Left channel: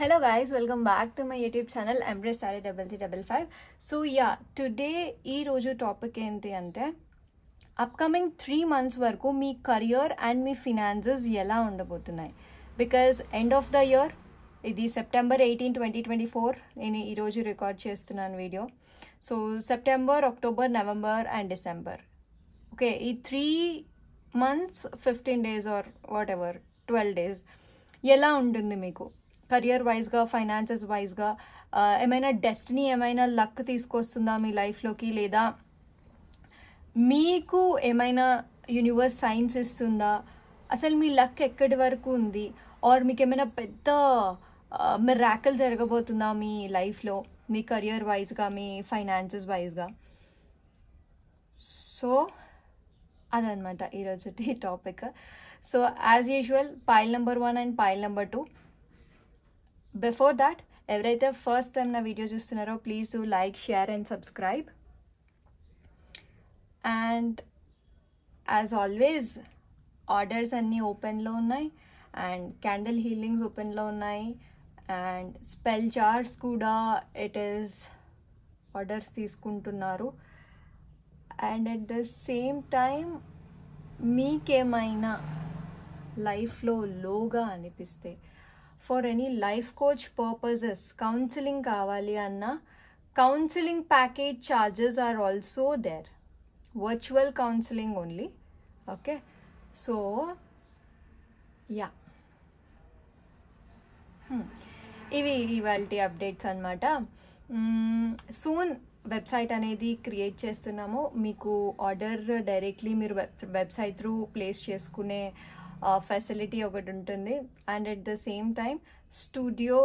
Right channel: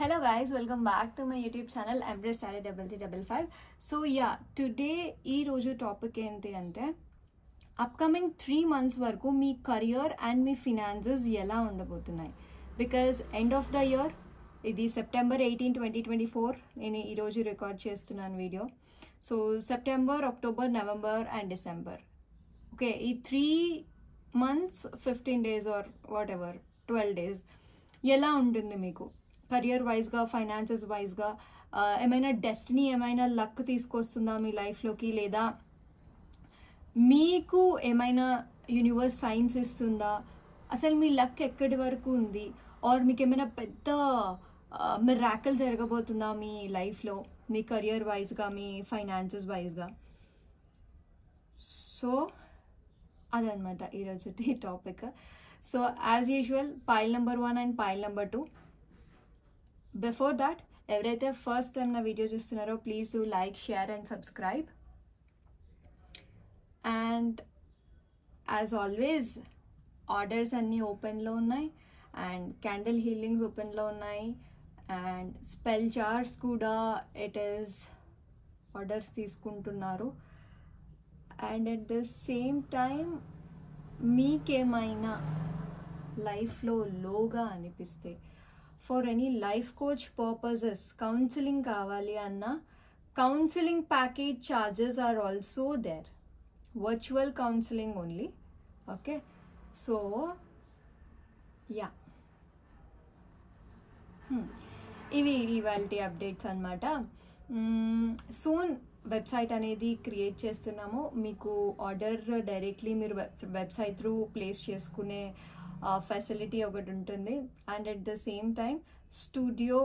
Hello guys, welcome back to my YouTube channel Embrace Started 3355. So yeah, today ee roju topic enti ante upcoming 3 months వరకు మీ career and me finances ఎలా ఉండబోతున్నాయి. Because end of the year ఇది September 18, 2024 నేను ఈ రోజు record చేస్తున్నాను video. So September, October, November and December. Okay, ఈ 3 months 15 days or whatever 12 days ఎలా ఉంటుంది మీకు కెరియర్ వైజ్గా, ఫైనాన్సెస్ వైజ్గా? ఏమైనా డెస్టినీ, ఏమైనా లక్ తీసుకొస్తుందా మీ లైఫ్లోకి, లేదా మీకు ఏమైనా యూనివర్స్ సైన్స్ ఇస్తుందా? అసలు మీ లక్ ఎక్కడి వరకు ఉంది? ఆర్ మీకు ఏమైనా పెద్ద మిరాకిల్ జరగబోతుందా మీ లైఫ్లో, మీ కెరియర్ వైజ్గా, మీ ఫైనాన్సెస్ వైజ్గా? సో అదనమాట ఈరోజు topic. So as usual pile number 1 and pile number 2. Before that, ఎవరైతే ఫస్ట్ టైం నా వీడియో చూస్తున్నారో please do like, share and subscribe. And as always orders అన్నీ ఓపెన్లో ఉన్నాయి, అండ్ క్యాండిల్ హీలింగ్స్ ఓపెన్లో ఉన్నాయి, అండ్ స్పెల్ జార్స్ కూడా ఇట్ ఈస్ ఆర్డర్స్ తీసుకుంటున్నారు. And at the same time మీకేమైనా లైఫ్లో లోగా అనిపిస్తే, for any life coach purposes counselling కావాలి అన్న, counselling package charges are also there. Virtual counselling only. Okay, so yeah, ఇవి ఇవాల్టి అప్డేట్స్ అనమాట. సూన్ వెబ్సైట్ అనేది క్రియేట్ చేస్తున్నాము. మీకు ఆర్డర్ డైరెక్ట్లీ మీరు వెబ్సైట్ త్రూ ప్లేస్ చేసుకునే ఫెసిలిటీ ఒకటి ఉంటుంది. And at the same time studio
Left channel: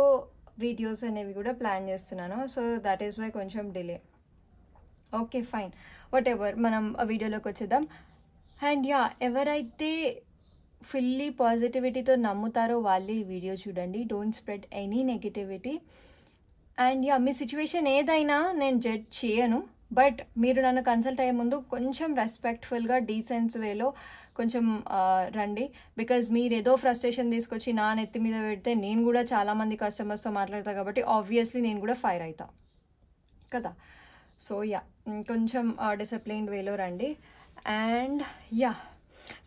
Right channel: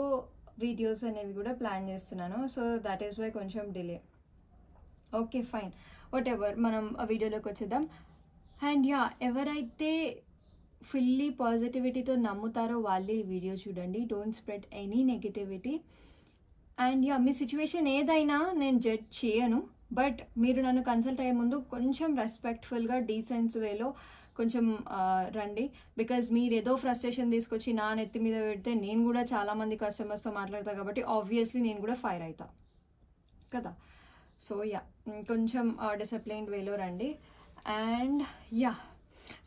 videos అనేవి కూడా ప్లాన్ చేస్తున్నాను. సో దట్ ఈస్ వై కొంచెం delay. Okay fine, what ever, మనం వీడియోలోకి వచ్చేద్దాం. అండ్ యా, ఎవరైతే ఫుల్లీ పాజిటివిటీతో నమ్ముతారో వాళ్ళే ఈ వీడియో చూడండి. Don't spread any negativity. And yeah, me situation ఏదైనా నేను జడ్జ్ చేయను, బట్ మీరు నన్ను కన్సల్ట్ అయ్యే ముందు కొంచెం రెస్పెక్ట్ఫుల్గా, డీసెన్స్ వేలో కొంచెం రండి. బికాజ్ మీరు ఏదో ఫ్రస్ట్రేషన్ తీసుకొచ్చి నా నెత్తి మీద పెడితే నేను కూడా చాలామంది కస్టమర్స్తో మాట్లాడతాను, కాబట్టి ఆబ్వియస్లీ నేను కూడా ఫైర్ అవుతా కదా. సో యా, కొంచెం డిసిప్లైన్డ్ వేలో రండి. And yeah,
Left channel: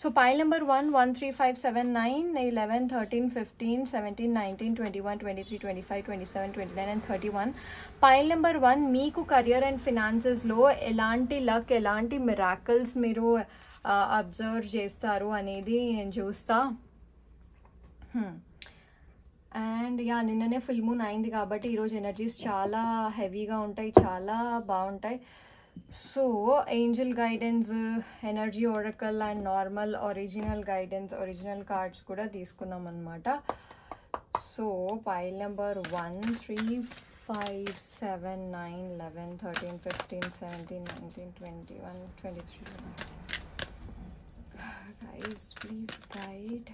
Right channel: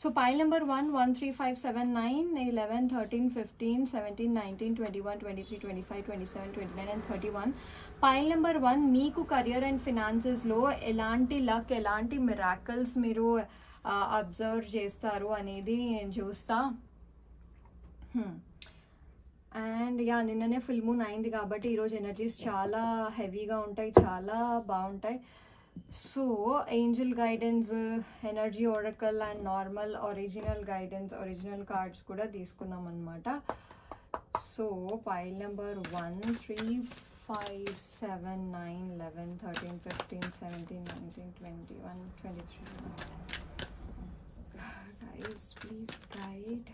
so pile number 1, 1, 3, 5, 7, 9, 11, 13, 15, 17, 19, 21, 23, 25, 27, 29 and 31. Pile number 1 మీకు కెరియర్ అండ్ ఫినాన్సెస్లో ఎలాంటి లక్, ఎలాంటి మిరాకిల్స్ మీరు అబ్జర్వ్ చేస్తారు అనేది నేను చూస్తా. అండ్ యా, నిన్ననే ఫుల్ మూన్ అయింది కాబట్టి ఈరోజు ఎనర్జీస్ చాలా హెవీగా ఉంటాయి, చాలా బాగుంటాయి. So Angel guidance, energy oracle and normal original guidance, original cards కూడా తీసుకున్నాం అనమాట. So pile number 1, 3, 5, 7, 9, 11, 13, 15, 17, 19, 21, 23. Guys, please guide.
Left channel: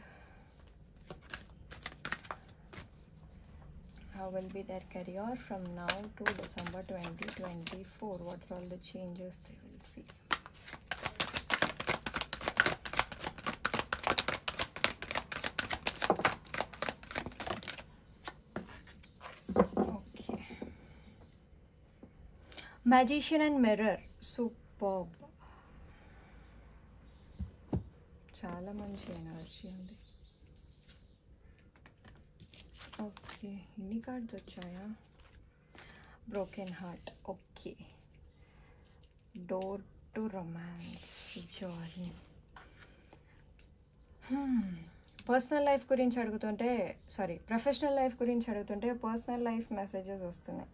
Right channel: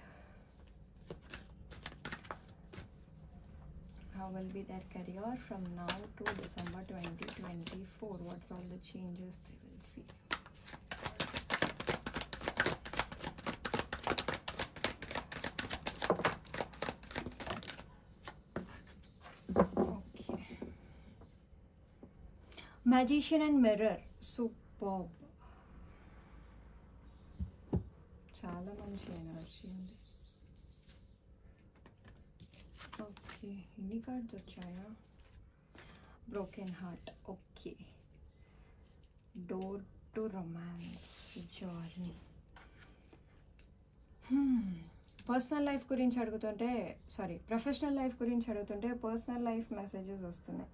How will be their career from now to December 2024? What are all the changes they will see? Okay. Magician and Mirror. Superb. చాలా మంచి energy ఉంది. Okay, ఇన్ని cards వచ్చాయా? Broken heart. Okay, door to romance, journey. Personal life గురించి అడుగుతుంటే, sorry professional life గురించి అడుగుతుంటే personal life messages వస్తున్నాయి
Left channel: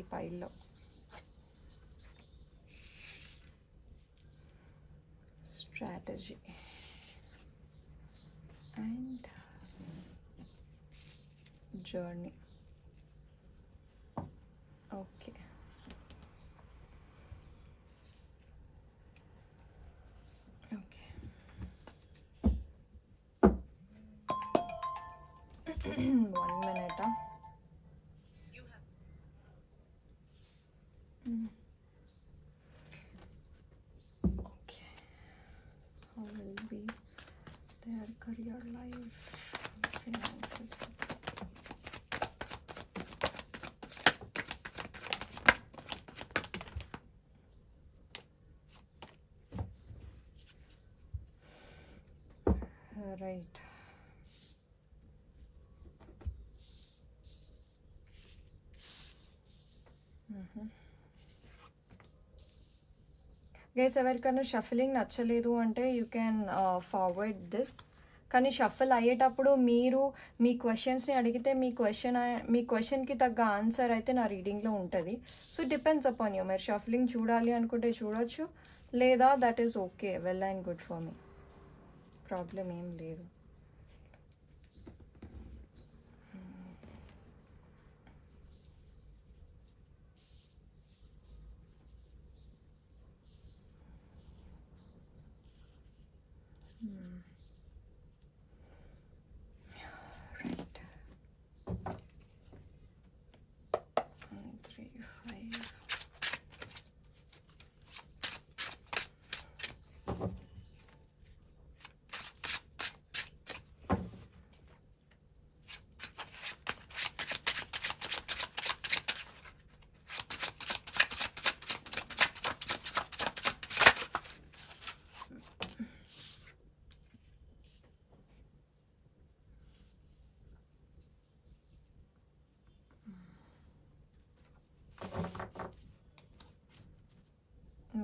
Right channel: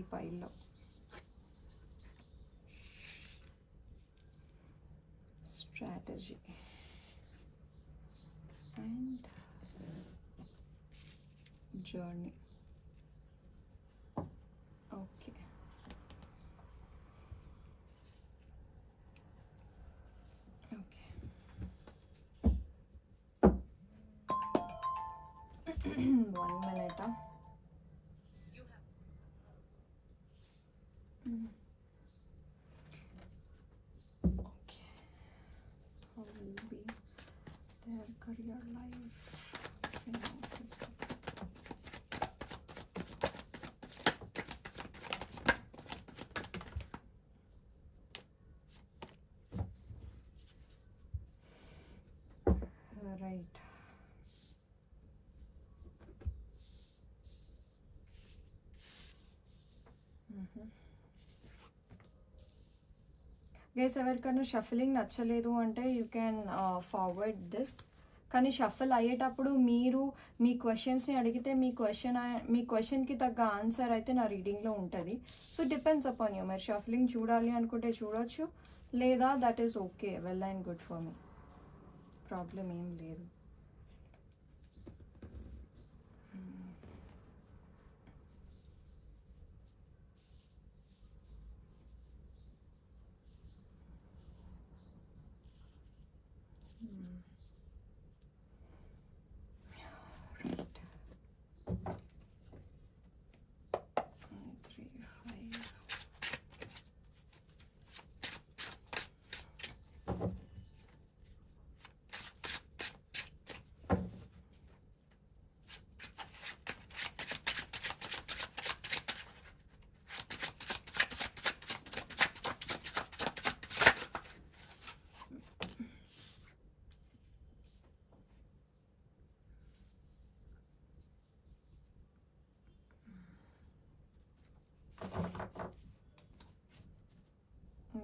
ఈ పైల్లో. Strategy and journey. Okay, okay. 1 minute. Okay, how will be their career, life, finances? Guys ఎవరికైనా shuffling నచ్చలేదు అంటే యూ క్యాన్ ఫార్వర్డ్ దిస్. కానీ షఫల్ అయ్యేటప్పుడు మీరు మీ క్వశ్చన్స్ని అడిగితే మీ క్వశ్చన్కి తగ్గ ఆన్సర్ అయితే నా రీడింగ్లో ఉంటుంది. So depends upon you. మీరు షఫలింగ్ చూడాలి అనుకుంటే చూడొచ్చు, లేదా that is okay, well and good for me, problem ఏం లేదు.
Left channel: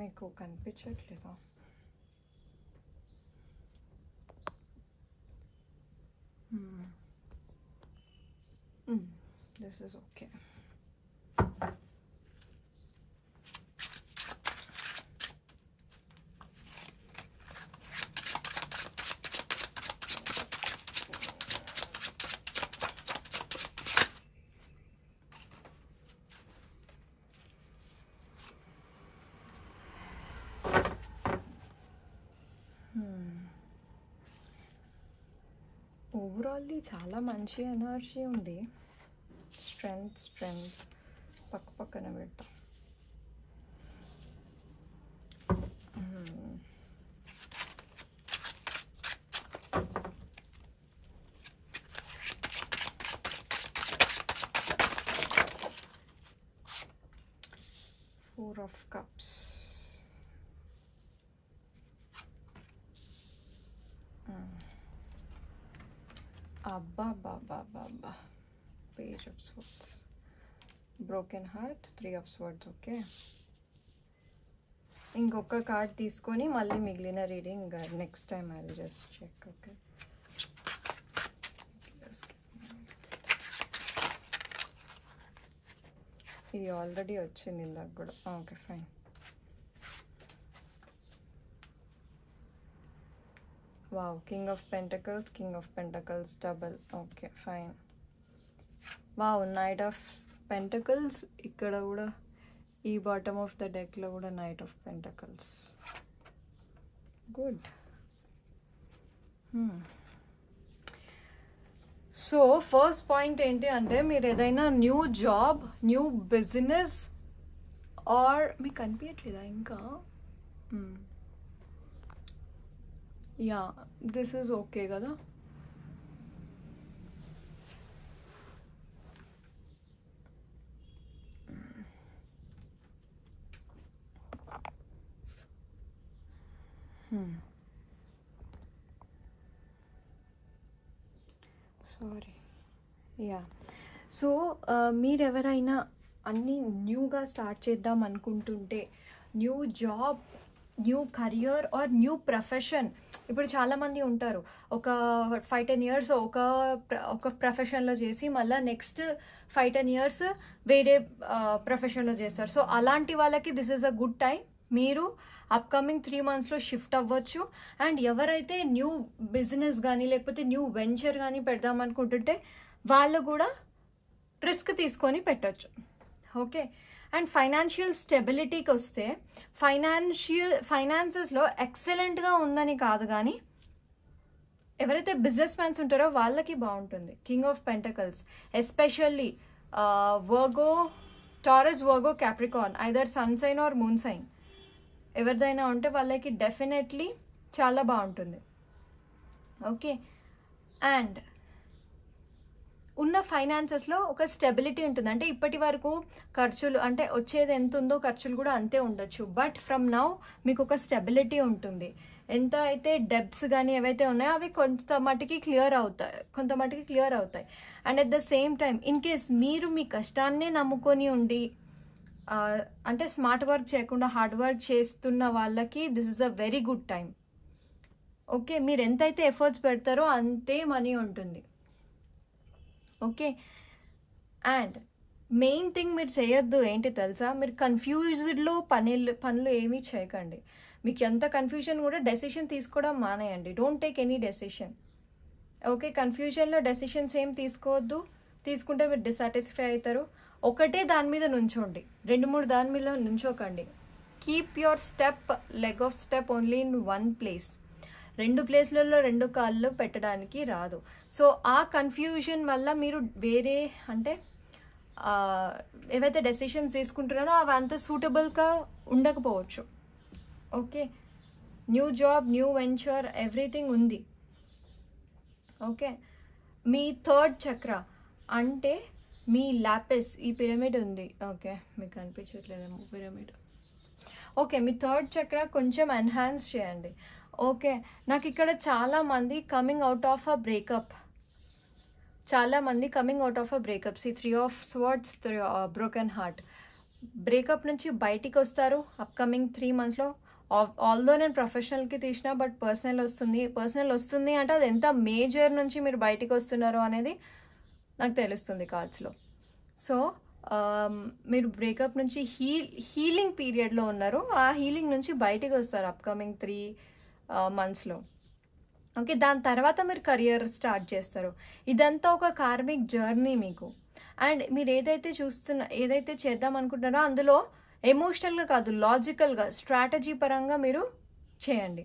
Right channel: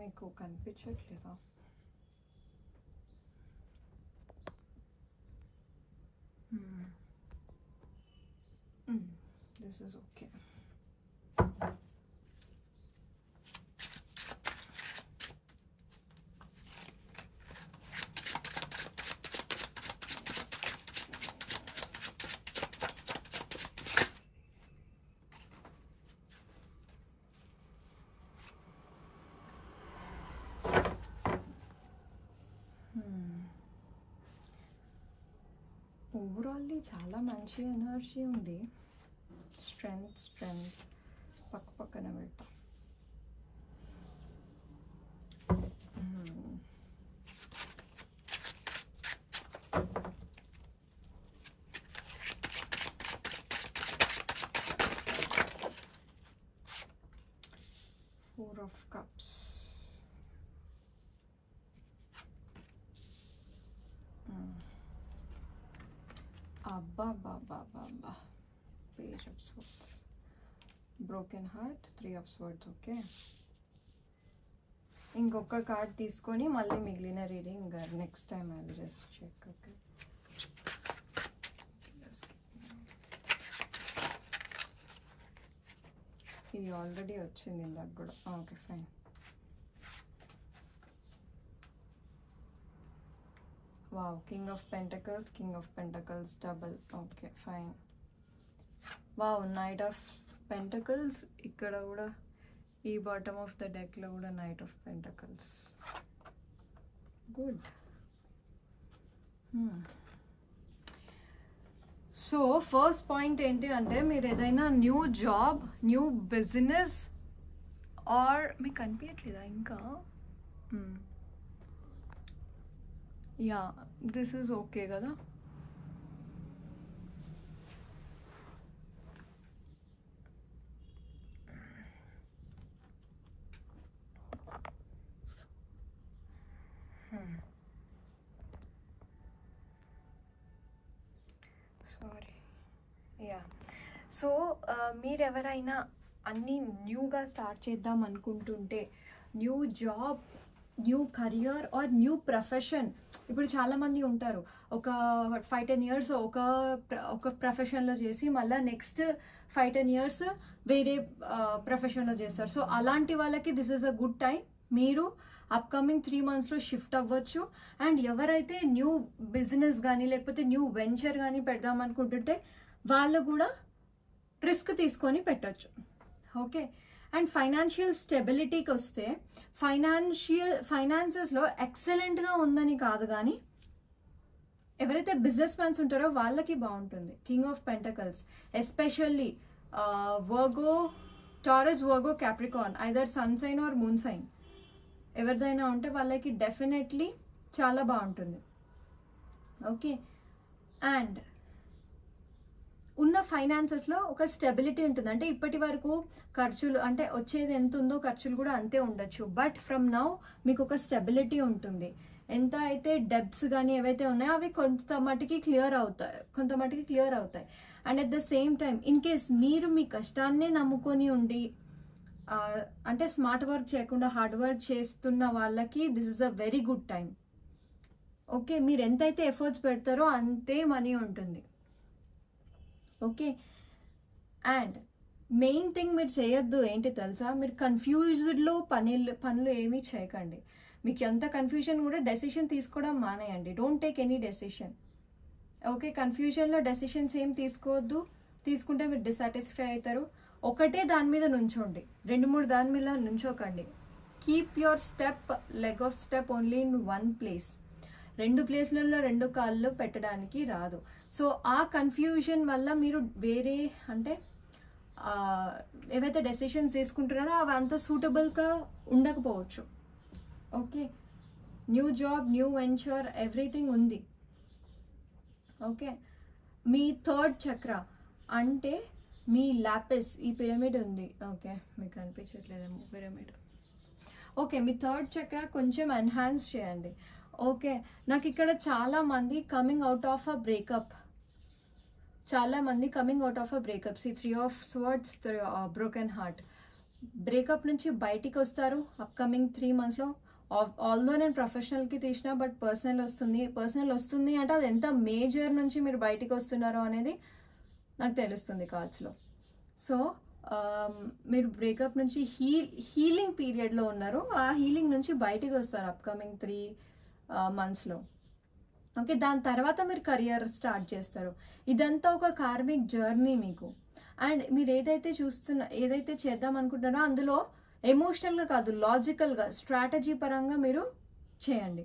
మీకు కనిపించట్లేదా? This is okay. ఓవరాల్లీ చాలా మంచి ఎనర్జీ ఉంది. స్ట్రెంగ్త్ పక్కన పెట్టు. Four of Cups. Abba. Page of Swords. Broken Heart. 3 of Swords. Okay. ఇంకొక కార్డ్ తీసుకొని మళ్ళీ మిగిలిన reading next time I will just check. Okay, ఇది ఆల్రెడీ వచ్చింది ఇందాక కూడా. Okay fine. Wow, king of pentacles double. Okay fine. Wow, knight of pentacles. ఇక్కడ కూడా ఈ బాటమ్ ఆఫ్ ద డెక్లో కూడా knight of pentacles. Good. So first point ఏంటి అంటే, మీరు ఏదైనా new job, new business or మీకు కనిపించట్లేదా ఇంకా? యా, దిస్ ఈజ్ ఓకే కదా. సారీ. యా, సో మీరు ఎవరైనా అన్నీ న్యూగా స్టార్ట్ చేద్దాం అనుకుంటుంటే, new job, new career or new profession. ఇప్పుడు చాలామంది ఉంటారు, ఒక 5-10 years ఒక ప్రొఫెషన్లో చేసి మళ్ళీ నెక్స్ట్ 5-10 years వేరే ప్రొఫెషన్లో చేస్తారు. సో అలాంటి వాళ్ళకి this is a good time. మీరు అప్కమింగ్ 3 monthsలో షిఫ్ట్ అవ్వచ్చు. అండ్ ఎవరైతే న్యూ బిజినెస్ కానీ లేకపోతే న్యూ వెంచర్ కానీ పెడదాం అనుకుంటుంటే వాళ్ళు కూడా రిస్క్ తీసుకొని పెట్టచ్చు. ఓకే. అండ్ ఫైనాన్షియల్ స్టెబిలిటీకి వస్తే, ఫైనాన్సెస్లో ఎక్సలెంట్గా ఉందని కాదు, కానీ ఎవరైతే బిజినెస్ మ్యాన్స్ ఉంటారో వాళ్ళకి బాగుంటుంది. King of pentacles, especially Taurus, Virgo, Capricorn, either sun sign or moon sign ఎవరిదైనా ఉంటే వాళ్ళకి డెఫినెట్లీ చాలా బాగుంటుంది. ఓకే. అండ్ ఉన్న ఫైనాన్సెస్లో ఒక స్టెబిలిటీ ఉంటుంది. అంటే ఇప్పటి వరకు ఖర్చులు, అంటే వచ్చేది ఎంత ఉందో ఖర్చులు కూడా అంతే ఉండొచ్చు. బట్ ఫ్రమ్ నౌ మీకు ఒక స్టెబిలిటీ ఉంటుంది. ఎంత అయితే డెబ్ట్స్ కానీ ఏవైతే ఉన్నాయో అవి కొంత మటుకి క్లియర్ అవుతాయి. And at the same time in case మీరు మీ కష్టాన్నే నమ్ముకొని ఉండి అంటే స్మార్ట్ వర్క్ చేయకుండా హార్డ్ వర్క్ చేస్తున్న వాళ్ళకి this is a very good time. Okay, మీరు ఎంతైతే ఎఫర్ట్స్ పెడతారో అంతే మనీ ఉంటుంది. ఓకే, అండ్ మెయిన్ థింగ్ మీరు చేయొద్దు ఏంటి తెలుసా, మీరు కన్ఫ్యూజ్డ్లో పనులు ఏమీ చేయకండి. మీకు ఎంత కన్ఫ్యూజన్ కూడా డెసిషన్ తీసుకోవడం మానేయండి. Don't take any decision. Okay, కన్ఫ్యూజన్లో డెసిషన్స్ ఏం తీసుకోవద్దు. తీసుకుంటే మీరు డిసాటిస్ఫై అవుతారు. ఒకటే దాని మీద నుంచోండి, 2-3 దాని మీద నుంచోకండి. Keep your leg off step only in one place. 2 ప్లేస్లలో 2 కాళ్ళు పెట్టడానికి రాదు. సో ఆ కన్ఫ్యూజన్ వల్ల మీరు వేరే అంటే ఏవైతే డెసిషన్స్ తీసుకుంటున్నారో అవి అంత సూటబుల్గా ఉండకపోవచ్చు. Okay, new job, new venture, everything ఉంది. ఓకే, మీ 3rd చక్ర అంటే మీ లాపిస్, ఈ పిరమిడ్ ఉంది. ఓకే, మీకు కనిపించట్లేదేమో పిరమిడ్. ఓకే, మీ 3rd చక్ర కొంచెం ఎన్హాన్స్ చేయండి. ఓకే, నాకు ఇక్కడ చాలామంది coming out of a breakup, చాలామంది coming out of a breakup. See 3 of swords, broken heart. Breakup నుంచి బయటికి వస్తారు అప్కమింగ్ 3 monthsలో. ఆల్దో నేను ప్రొఫెషనల్కి తీసిన, బట్ పర్సనల్ వస్తుంది అంటే అది ఎంత మేజర్ నుంచి మీరు బయటికి వస్తున్నారో అనేది నాకు తెలుస్తుంది కార్డ్స్లో. సో మీరు బ్రేకప్ నుంచి హీలింగ్ పీరియడ్లో ఉన్నారు. ఆ హీలింగ్ నుంచి బయటికి వస్తారు అప్కమింగ్ 3 monthsలో. ఓకే, దాని తర్వాత మీరు కెరియర్ స్టార్ట్ చేస్తారు. ఇదంతా ఒక కార్మిక్ జర్నీ మీకు. అండ్ మీరు ఏదైతే చేద్దాం అనుకుంటున్నారో అందులో ఎమోషనల్గా కాదు, లాజికల్గా, స్ట్రాటజీ పరంగా మీరు చేయండి.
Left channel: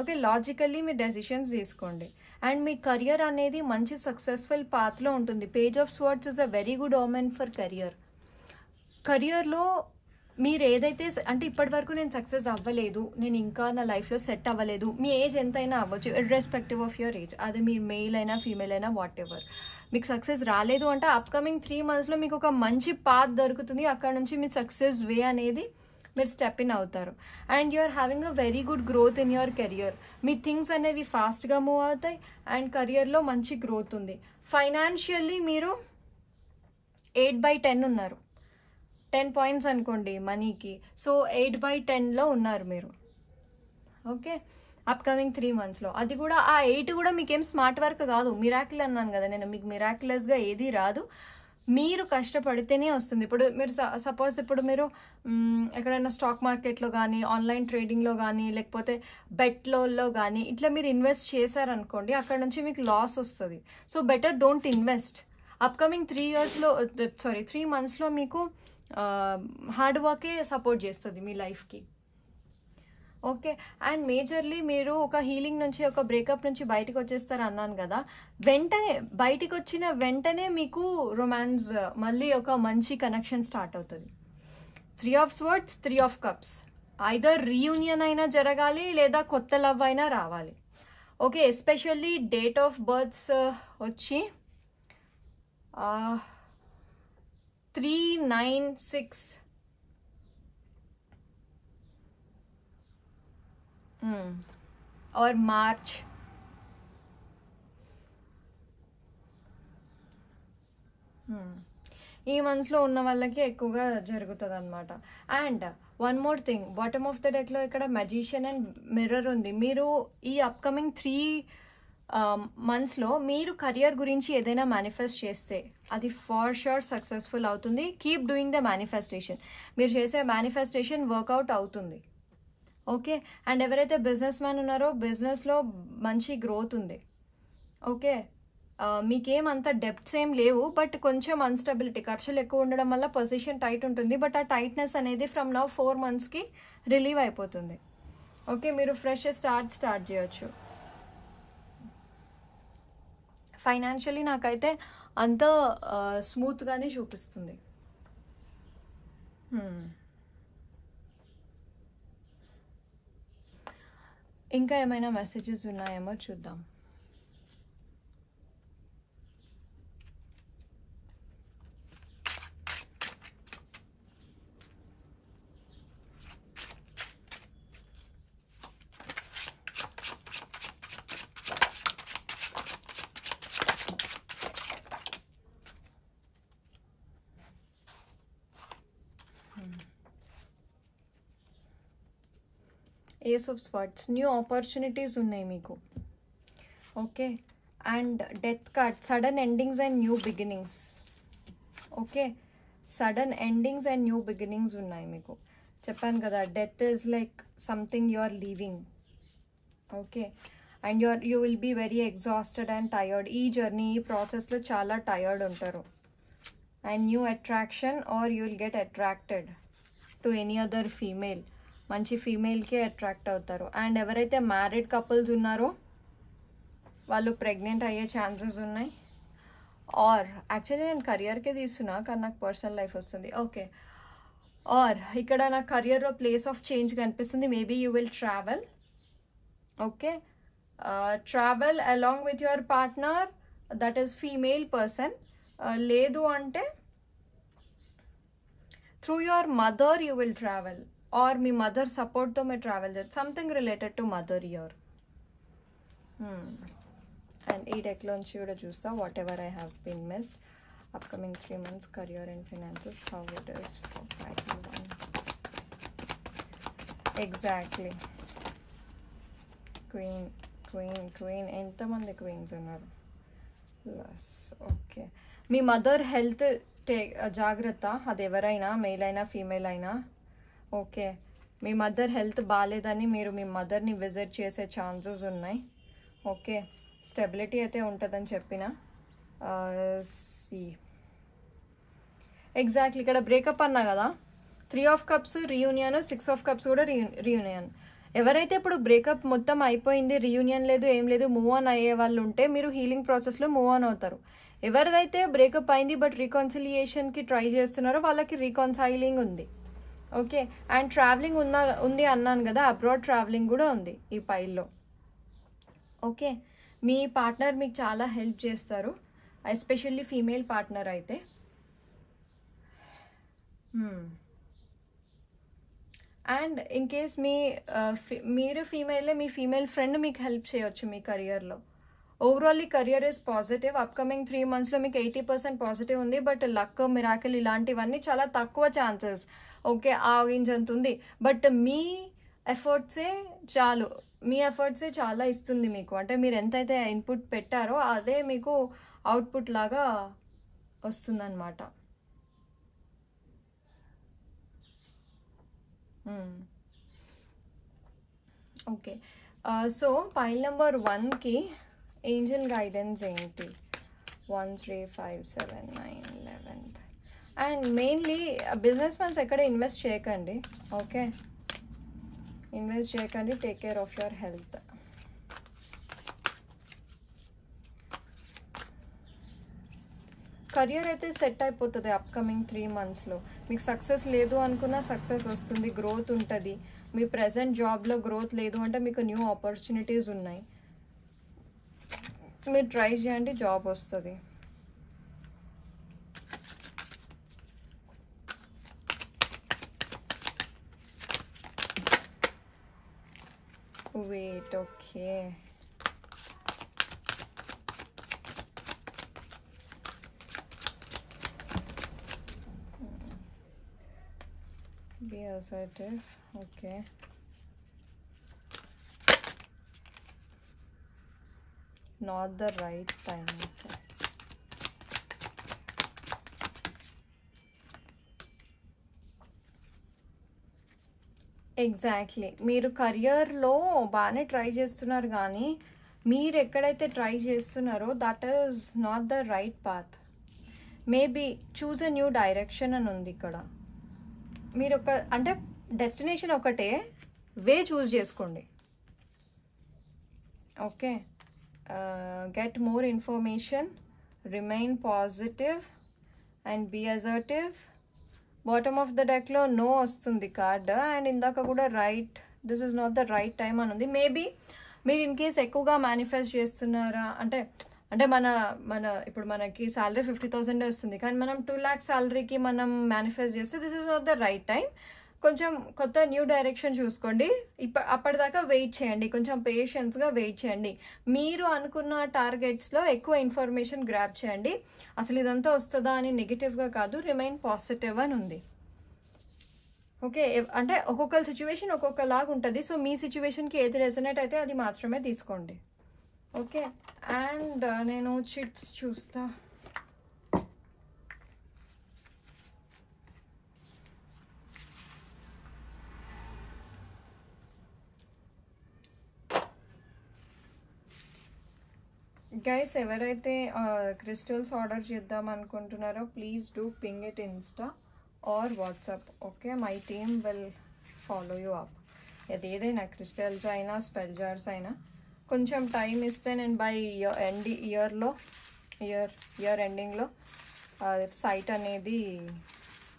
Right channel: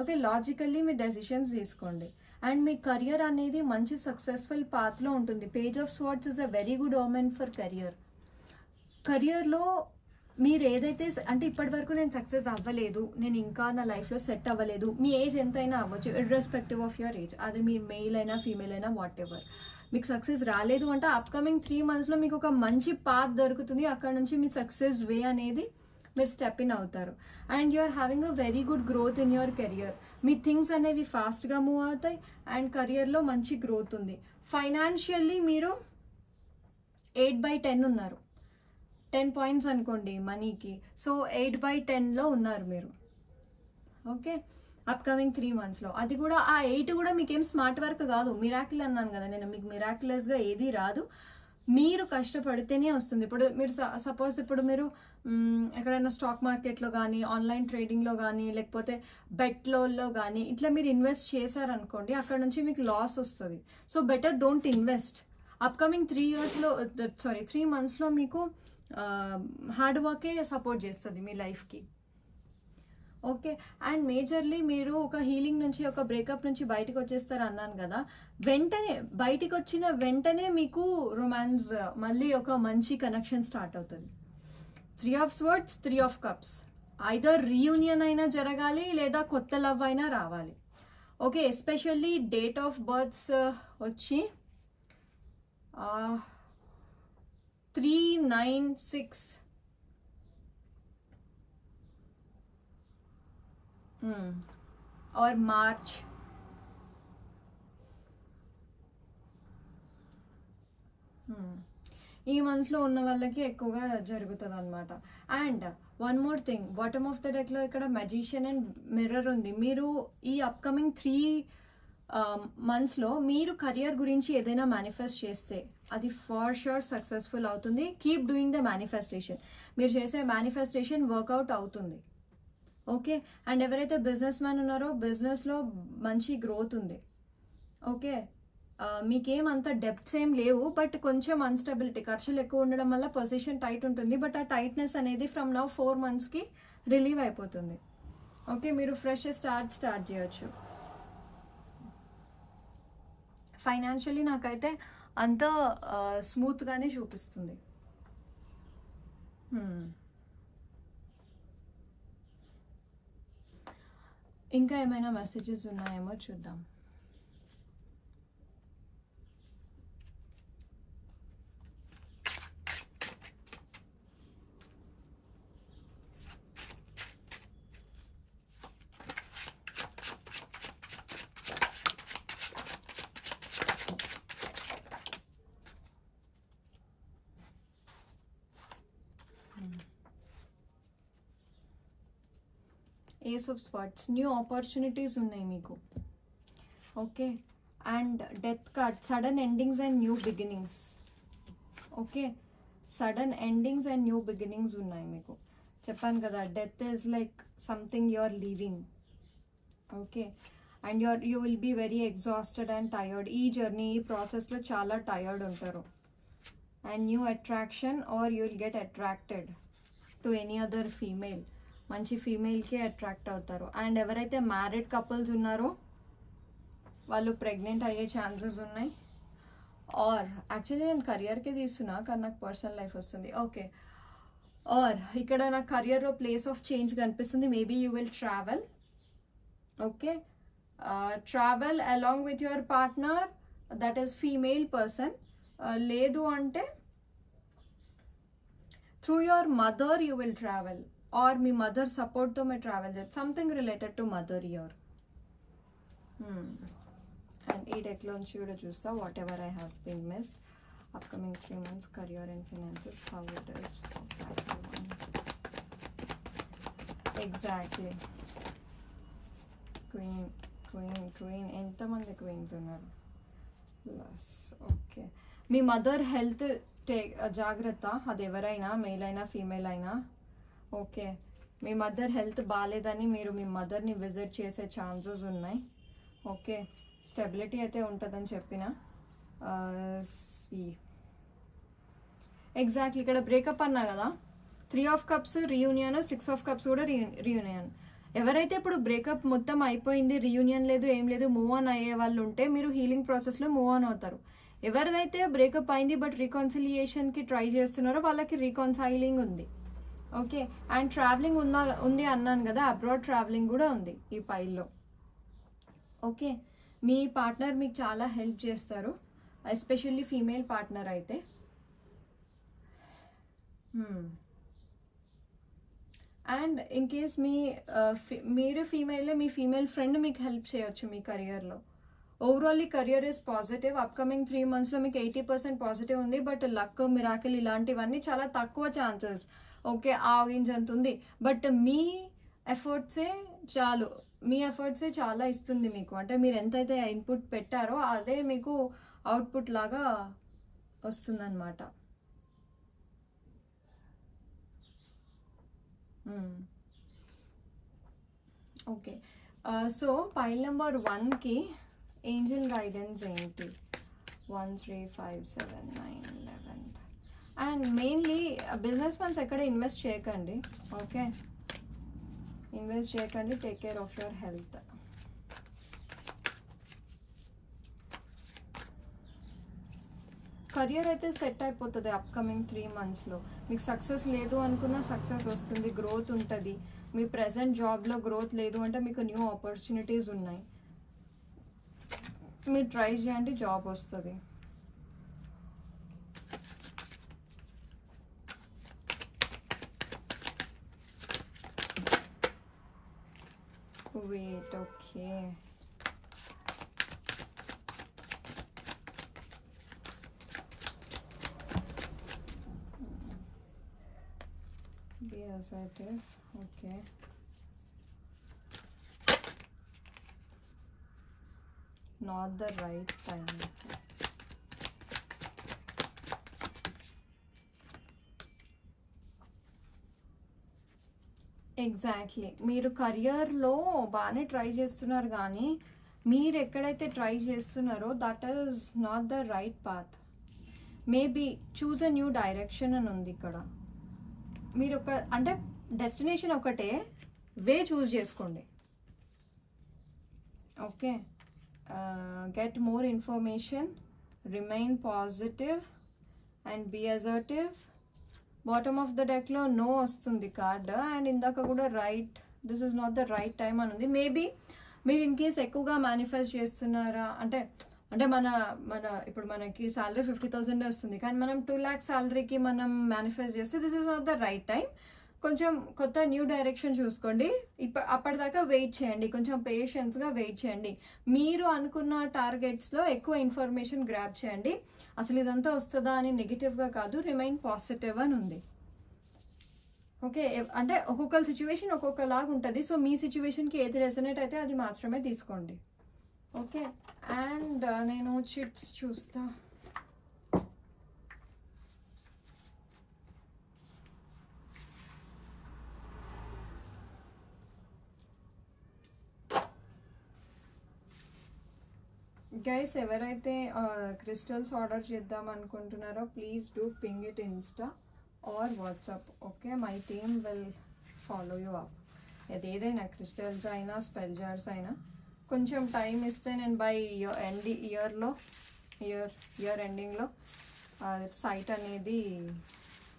ఓకే, లాజికల్లీ మీరు డెసిషన్స్ తీసుకోండి. అండ్ మీ కెరియర్ అనేది మంచి సక్సెస్ఫుల్ పాత్లో ఉంటుంది. Page of swords is a very good omen for కెరియర్లో మీరు ఏదైతే అంటే ఇప్పటి వరకు నేను సక్సెస్ అవ్వలేదు, నేను ఇంకా నా లైఫ్లో సెట్ అవ్వలేదు. మీ ఏజ్ ఎంతైనా అవ్వచ్చు, ఇర్రెస్పెక్టివ్ ఆఫ్ యువర్ ఏజ్. అది మీరు మెయిల్ అయినా ఫీమేల్ అయినా వాట్ ఎవర్. మీకు సక్సెస్ రాలేదు అంటే అప్కమింగ్ 3 monthsలో మీకు ఒక మంచి పాత్ దొరుకుతుంది. అక్కడ నుంచి మీ సక్సెస్ వే అనేది మీరు స్టెప్ ఇన్ అవుతారు. And you are having a very good growth in your career. మీ థింగ్స్ అనేవి ఫాస్ట్గా మూవ్ అవుతాయి అండ్ కెరియర్లో మంచి గ్రోత్ ఉంది. ఫైనాన్షియల్లీ మీరు 8/10 ఉన్నారు. 10 points అనుకోండి మనీకి. సో 8/10లో ఉన్నారు మీరు. Okay, upcoming 3 monthsలో. అది కూడా ఆ 8 కూడా మీకేం స్మార్ట్ వర్క్ కాదు, మిరాకిల్ అన్నాను కదా నేను. మీకు మిరాక్యులస్గా ఏది రాదు, మీరు కష్టపడితేనే వస్తుంది. ఇప్పుడు మీరు సపోజ్ ఇప్పుడు మీరు ఎక్కడైనా స్టాక్ మార్కెట్లో కానీ, ఆన్లైన్ ట్రేడింగ్లో కానీ, లేకపోతే బెట్లో కానీ ఇట్లా మీరు ఇన్వెస్ట్ చేశారనుకోండి, అక్కడ నుంచి మీకు లాస్ వస్తుంది. So better don't invest. Upcoming 3 monthsలో మీకు హార్డ్ వర్కే సపోర్ట్ చేస్తుంది మీ లైఫ్కి. ఓకే, అండ్ మేజర్లీ మీరు ఒక హీలింగ్ నుంచి, ఒక బ్రేకప్ నుంచి బయటకు వచ్చేస్తారు అన్నాను కదా. బయటికి వచ్చిన వెంటనే మీకు రొమాన్స్, మళ్ళీ ఒక మంచి కనెక్షన్ స్టార్ట్ అవుతుంది. 3 of Swords, 3 of Cups. Either reunion అయినా జరగాలి లేదా కొత్త లవ్ అయినా రావాలి. Okay, especially date of births వచ్చి 3, 9, 6. और March. ఈ మంత్స్లో ఉన్న వాళ్ళకి ఎక్కువగా జరుగుతుంది అనమాట. And one more thing, bottom of the డెక్లో ఇక్కడ మెజిషియన్ అండ్ మిర్రర్ ఉంది. మీరు ఈ అప్కమింగ్ 3 monthsలో మీరు కెరియర్ గురించి ఏదైనా మేనిఫెస్ట్ చేస్తే అది ఫార్ షూర్ సక్సెస్ఫుల్ అవుతుంది. Keep doing the manifestation. మీరు చేసే మేనిఫెస్టేషన్ వర్కౌట్ అవుతుంది. ఓకే, అండ్ ఎవరైతే బిజినెస్ మ్యాన్ ఉన్నారో బిజినెస్లో మంచి గ్రోత్ ఉంది. ఓకే, మీకేమంత డెప్ట్స్ ఏం లేవు, బట్ కొంచెం అన్స్టెబిలిటీ, ఖర్చులు ఎక్కువ ఉండడం వల్ల పొజిషన్ టైట్ ఉంటుంది. బట్ ఆ టైట్నెస్ అనేది ఫ్రమ్ నౌ 4 monthsకి రిలీవ్ అయిపోతుంది. ఓకే, మీరు ఫ్రెష్ స్టార్ట్ చేయొచ్చు. ఫైనాన్షియలీ నాకైతే అంత స్మూత్గానే చూపిస్తుంది. ఇంకా ఏమైనా మెసేజెస్ ఉన్నాయేమో చూద్దాం. Ace of swords, new opportunities ఉన్నాయి మీకు. Okay, and death card, sudden endings and new beginnings. Okay, sudden endings and new beginnings ఉన్నాయి మీకు. చెప్పాను కదా, death is like something you are leaving. Okay, and you will be very exhausted and tired. ఈ journey, ఈ ప్రాసెస్లో చాలా tired ఉంటారు. And new attraction or you will get attracted to any other female. మంచి ఫీమేల్కే అట్రాక్ట్ అవుతారు. And ఎవరైతే married couples ఉన్నారో వాళ్ళు ప్రెగ్నెంట్ అయ్యే ఛాన్సెస్ ఉన్నాయి. ఆర్ యాక్చువల్లీ నేను కెరియర్కే తీస్తున్నా, కానీ నాకు పర్సనల్ లైఫ్ వస్తుంది. ఓకే, ఆర్ ఇక్కడ నాకు కెరియర్లో ప్లేస్ ఆఫ్ చేంజ్ కనిపిస్తుంది. Maybe you will travel. Okay, travel along with your partner, that is female person. లేదు అంటే through your mother you will travel, or మీ మదర్ సపోర్ట్తో మీరు ట్రావెల్ చేస్తారు. Something related to mother your. And ఈ డెక్లోంచి కూడా చూస్తా, whatever I have been missed. Upcoming 3 months career and finances, how it is for 5. Exactly. Queen. ఎంతమంది queens ఉన్నారు? ప్లస్. ఓకే, మీ మదర్ హెల్త్ జాగ్రత్త. అది ఎవరైనా, మెయిల్ అయినా ఫీమేల్ అయినా. ఓకే, మీ మదర్ హెల్త్ బాగాలేదని మీరు మీ మదర్ని విజిట్ చేసే ఛాన్సెస్ ఉన్నాయి. ఓకే, స్టెబిలిటీ అయితే ఉంటుందని చెప్పిన. ఎగ్జాక్ట్లీ, ఇక్కడ బ్రేకప్ అన్నా కదా, 3 of Cups reunion, 6 of Cups కూడా రీయూనియన్. ఎవరైతే ఇప్పుడు బ్రేకప్ మొత్తం అయిపోయింది, రీయూనియన్ లేదు, ఏం లేదు, మూవ్ ఆన్ అయ్యే వాళ్ళు ఉంటే మీరు హీలింగ్ ప్రాసెస్లో మూవ్ ఆన్ అవుతారు. ఎవరిదైతే బ్రేకప్ అయింది బట్ రీకన్సిలియేషన్కి ట్రై చేస్తున్నారో వాళ్ళకి రీకన్సైలింగ్ ఉంది. ఓకే, అండ్ ట్రావెలింగ్ ఉంది అన్నాను కదా, అబ్రాడ్ ట్రావెలింగ్ కూడా ఉంది ఈ పైల్లో. ఓకే, మీ పార్ట్నర్ మీకు చాలా హెల్ప్ చేస్తారు, ఎస్పెషల్లీ ఫీమేల్ పార్ట్నర్ అయితే. అండ్ ఇన్ కేస్ మీరు ఫీమేలే, మీ ఫీమేల్ ఫ్రెండ్ మీకు హెల్ప్ చేయొచ్చు మీ కెరియర్లో. ఓవరాల్లీ కెరియర్ ఇస్ పాజిటివ్. అప్కమింగ్ 3 monthsలో మీకు 80% పాజిటివ్ ఉంది. బట్ లక్, మిరాకిల్ ఇలాంటివన్నీ చాలా తక్కువ ఛాన్సెస్. ఓకే, ఆగించంత ఉంది. బట్ మీ ఎఫర్ట్సే చాలు, మీ ఎఫర్ట్సే చాలా ఇస్తుంది మీకు. అంటే మీరు ఎంతైతే ఇన్పుట్ పెట్టారో అదే మీకు అవుట్పుట్ లాగా వస్తుందన్నమాట. ఓకే, సో పైల్ నెంబర్ 1కి ఏంజల్ గైడెన్స్ ఏంటి? 1 3 5 7 9 11. అండ్ మెయిన్లీ బిజినెస్ మ్యాన్స్ ఎక్కడ ఇన్వెస్ట్ చేయకండి. ఓకే, ఇన్వెస్ట్ చేయకండి. Take care of your health. Career అయితే సెట్ అయిపోతుంది అప్కమింగ్ 3 monthsలో. మీకు సక్సెస్ లేదు అనుకున్నా సక్సెస్ వస్తుంది, గ్రోత్ ఉంటుంది. మీ ప్రెజెంట్ జాబ్లో గ్రోత్ లేదు అంటే మీకు న్యూ ఆపర్చునిటీస్ ఉన్నాయి, మీరు ట్రై చేయండి, జాబ్ వస్తుంది. Wait. Okay, be assertive. Okay, not the right time. Exactly, మీరు కెరియర్లో బాగానే ట్రై చేస్తున్నారు, కానీ మీరు ఎక్కడైతే ట్రై చేస్తున్నారో that is not the right path. Maybe choose a new direction అని ఉంది ఇక్కడ. మీరు అంటే డెస్టినేషన్ ఒకటే, వే చూస్ చేసుకోండి. Okay, get more information, remain positive and be assertive. Bottom of the డెక్లో నో వస్తుంది కార్డ్. అండ్ ఇందాక కూడా right, this is not the right time అని ఉంది. మేబీ మీరు ఇన్ కేస్ ఎక్కువగా మేనిఫెస్ట్ చేస్తున్నారా అంటే మన ఇప్పుడు మనకి శాలరీ 50,000 వస్తుంది, కానీ మనం 2 lakhs శాలరీకి మనం మేనిఫెస్ట్ చేస్తే this is not the right time. కొంచెం కొత్త న్యూ డైరెక్షన్ చూసుకోండి. అప్పటిదాకా వెయిట్ చేయండి, కొంచెం పేషెన్స్గా వెయిట్ చేయండి. మీరు అనుకున్న టార్గెట్స్లో ఎక్కువ ఇన్ఫర్మేషన్ గ్రాబ్ చేయండి. అసలు ఇదంతా వస్తుందా అని నెగిటివ్గా కాదు, రిమైన్ పాజిటివ్ అని ఉంది. ఓకే, అంటే ఒక్కొక్కరి సిచ్యువేషన్ ఒక్కొక్కలాగా ఉంటుంది. సో మీ సిచ్యువేషన్కి ఏది రెసనేట్ అయితే అది మాత్రమే తీసుకోండి. ఓకే, అండ్ నేను చిట్స్ చూస్తా. గైస్, ఎవరైతే క్రిస్టల్స్ ఆర్డర్ చేద్దాం అనుకుంటున్నారో please do ping it Insta are WhatsApp. Okay, my team will follow you up. అది ఏదైనా క్రిస్టల్స్ అయినా స్పెల్ జార్స్ అయినా కొంచెం టైం ఇస్తే నేను బై ఇయర్ ఎండింగ్లో సైట్ అనేది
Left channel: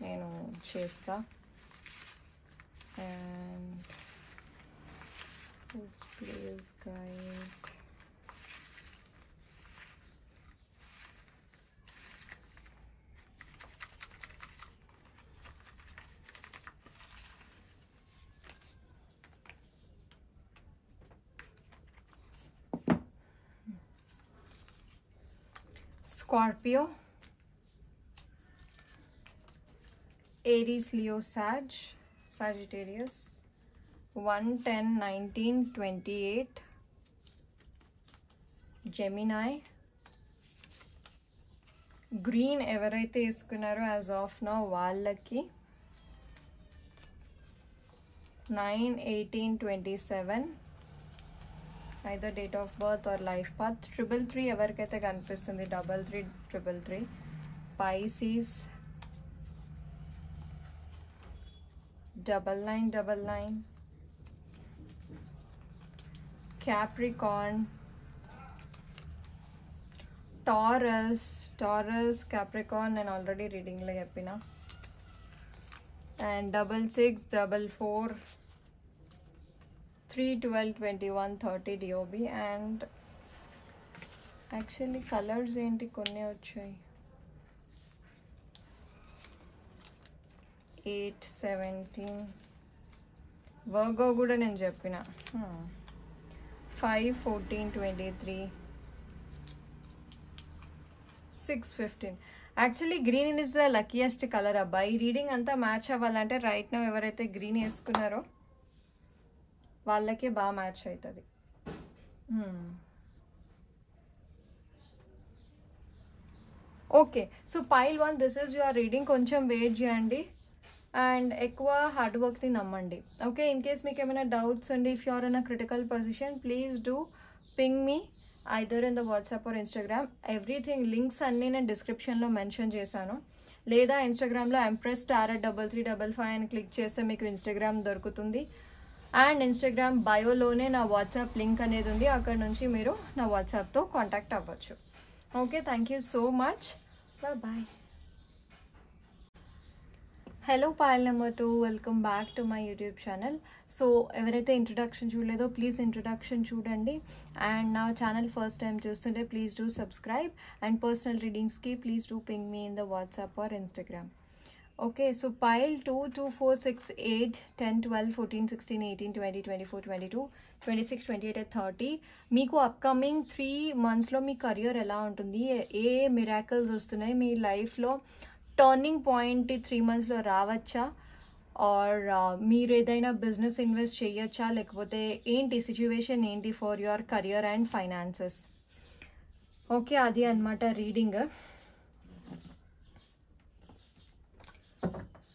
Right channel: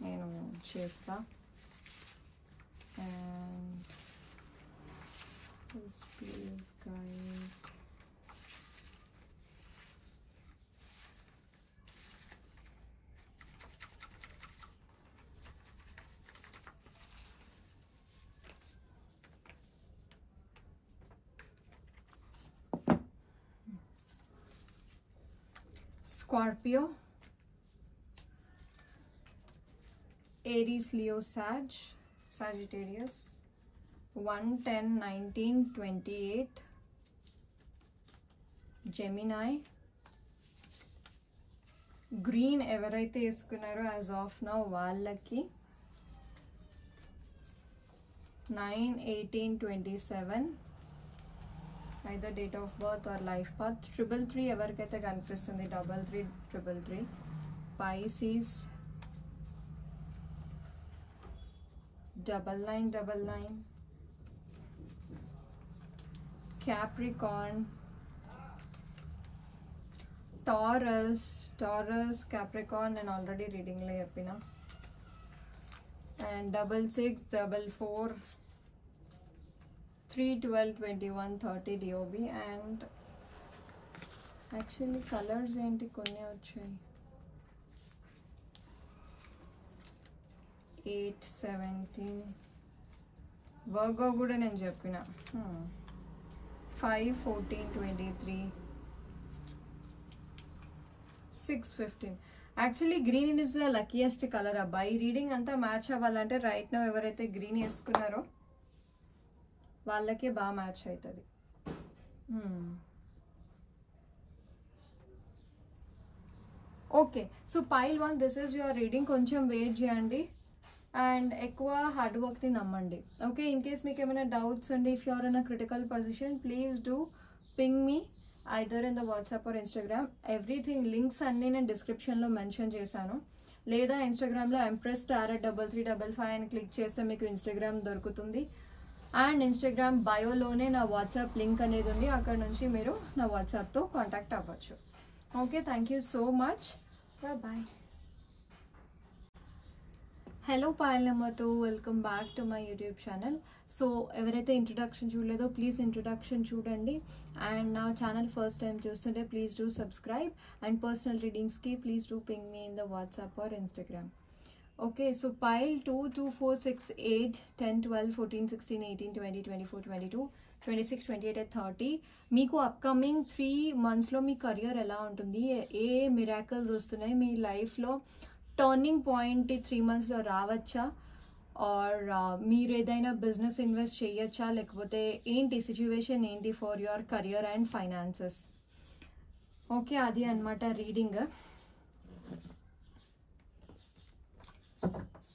నేను చేస్తా. And this please guide. Scorpio, Aries, Leo, Sagittarius, 1-10-19-28, Gemini. Green ఎవరైతే వేసుకున్నారో యాజ్ ఆఫ్ నౌ వాళ్ళకి 9-18-27, either date of birth or life path. 333 ఎవరికైతే కనిపిస్తుంది 3333. Pisces 9999. Capricorn, Taurus, Capricorn నేను ఆల్రెడీ రీడింగ్లో చెప్పిన. And 6644, 3-12-21-30 DOB. And actually colours ఏంటి కొన్ని వచ్చాయి. 8-17 వర్గో కూడా నేను చెప్పిన. 5-14-23, 6-15. Actually green is the luckiest colour అబ్బాయి. రీడింగ్ అంతా మ్యాచ్ అవ్వాలంటే రైట్ నౌ ఎవరైతే గ్రీన్ వేసుకున్నారో వాళ్ళకే బాగా మ్యాచ్ అవుతుంది. Okay, so pile 1 this is your reading. కొంచెం వెయిట్ చేయండి అండ్ ఎక్కువ హార్డ్ వర్క్ని నమ్మండి. ఓకే, ఇన్ కేస్ మీకు ఏమైనా డౌట్స్ అండి, if you're in a critical position please do ping me either in the WhatsApp or Instagram. Everything links అన్నీ నేను డిస్క్రిప్షన్లో మెన్షన్ చేశాను. లేదా ఇన్స్టాగ్రామ్లో empress@3355 అని క్లిక్ చేస్తే మీకు ఇన్స్టాగ్రామ్ దొరుకుతుంది. అండ్ ఇన్స్టాగ్రామ్ బయోలోనే నా వాట్సాప్ లింక్ అనేది ఉంది, అక్కడ నుంచి మీరు నా వాట్సాప్తో కాంటాక్ట్ అవ్వచ్చు. Okay, thank you so much, bye. Hello pile number 2, welcome back to my YouTube channel. So ఎవరైతే ఇంట్రొడక్షన్ చూడలేదో ప్లీజ్ ఇంట్రొడక్షన్ చూడండి. అండ్ నా ఛానల్ ఫస్ట్ టైం చూస్తుంటే please do subscribe. And personal రీడింగ్స్కి please do ping me in the WhatsApp or Instagram. Okay, so pile 2, 2, 4, 6, 8, 10, 12, 14, 16, 18, 20, 24, 22, 26, 28, 30. మీకు upcoming 3 monthsలో మీ career ఎలా ఉంటుంది, ఏ miracles వస్తున్నాయి మీ లైఫ్లో, టర్నింగ్ పాయింట్ 3 monthsలో రావచ్చా, ఆర్ మీరు ఏదైనా బిజినెస్ ఇన్వెస్ట్ చేయొచ్చా, లేకపోతే ఏంటి సిచ్యువేషన్ ఏంటి for your career and finances. Okay, అది అన్నమాట రీడింగ్.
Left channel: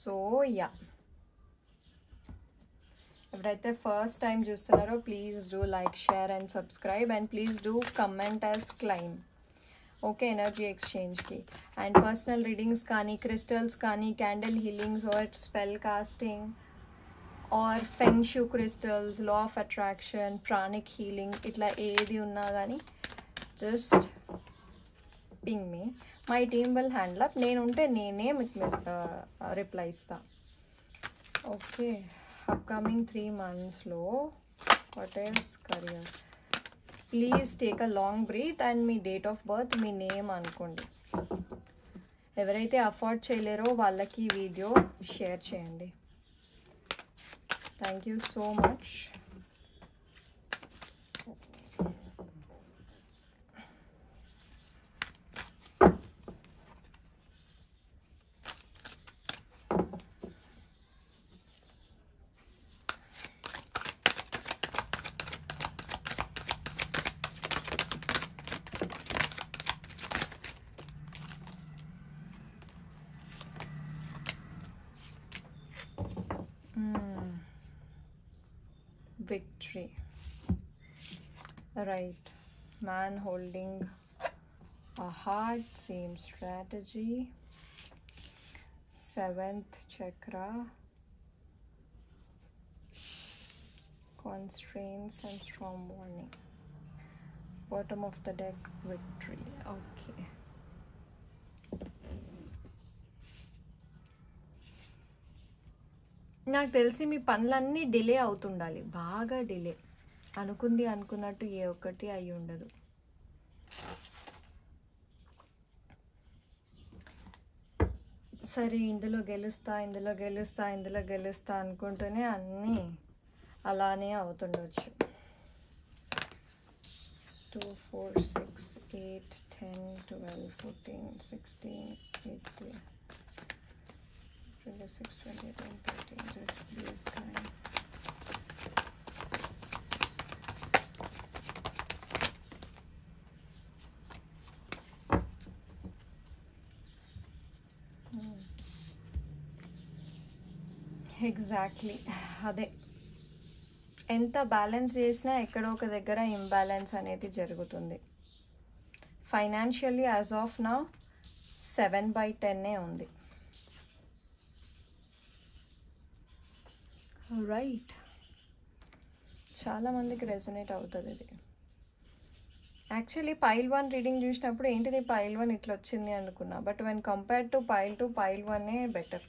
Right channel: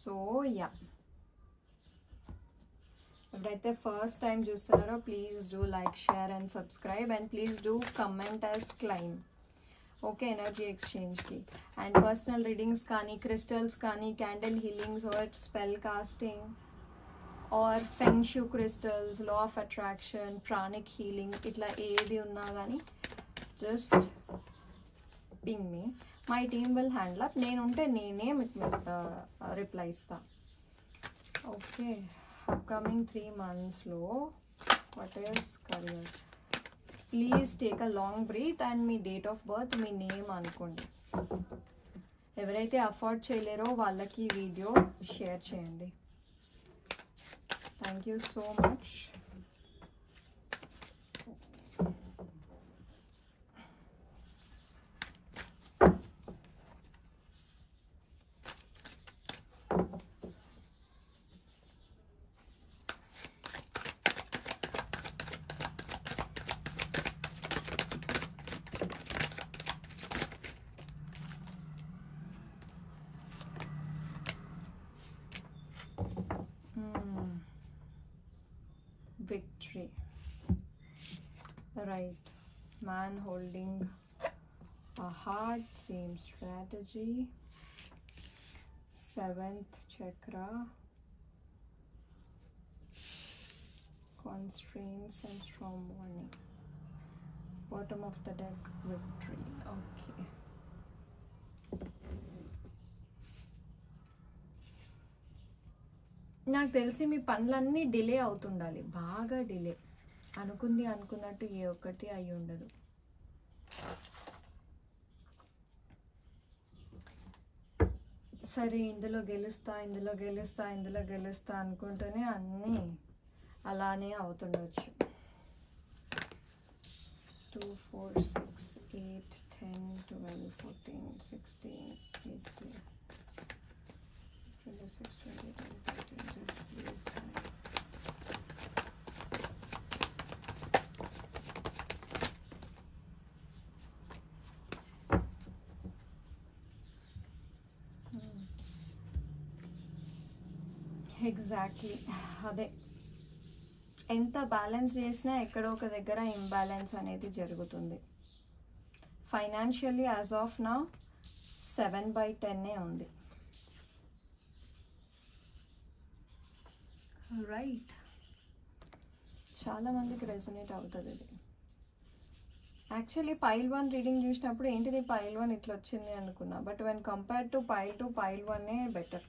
సో యా, ఎవరైతే ఫస్ట్ టైం చూస్తున్నారో please do like, share and subscribe. And please do comment as claim. Okay, energy ఎక్స్చేంజ్కి. అండ్ పర్సనల్ రీడింగ్స్ కానీ, క్రిస్టల్స్ కానీ, candle healings or spell casting or feng shui crystals, law of attraction, pranic healing, ఇట్లా ఏది ఉన్నా కానీ just ping me. My team will handle up. నేను ఉంటే నేనే మీకు రిప్లై ఇస్తా. ఓకే, అప్కమింగ్ 3 monthsలో what is career. Please take a long breath and మీ డేట్ ఆఫ్ బర్త్, మీ నేమ్ అనుకోండి. ఎవరైతే అఫోర్డ్ చేయలేరో వాళ్ళకి ఈ వీడియో షేర్ చేయండి. Thank you so much. victory. Right, man holding a heart, same strategy. 7th chakra, constraints and storm warning. Bottom of the deck, victory. Okay. నాకు తెలిసి మీ పనులన్నీ డిలే అవుతుండాలి, బాగా డిలే. అనుకున్నట్టు ఏ ఒక్కటి అయి ఉండదు. సరే, ఇందులో గెలుస్తా అనుకుంటూనే అన్నీ అలానే అవుతుండవచ్చు. 2 4 6 8 10 12 14 16 18 26 27 30. Just please come. ఎగ్జాక్ట్లీ అదే. ఎంత బ్యాలెన్స్ చేసినా ఎక్కడో ఒక దగ్గర ఇంబ్యాలెన్స్ అనేది జరుగుతుంది. ఫైనాన్షియల్లీ యాజ్ ఆఫ్ నౌ 7/10 ఉంది. రైట్, చాలా మందికి రెసొనేట్ అవుతుంది ఇది. యాక్చువల్లీ పైల్ 1 రీడింగ్ చూసినప్పుడు ఏంటిది పైల్ 1 ఇట్లా వచ్చింది అనుకున్నా, but when compare to pile 2 pile 1 better.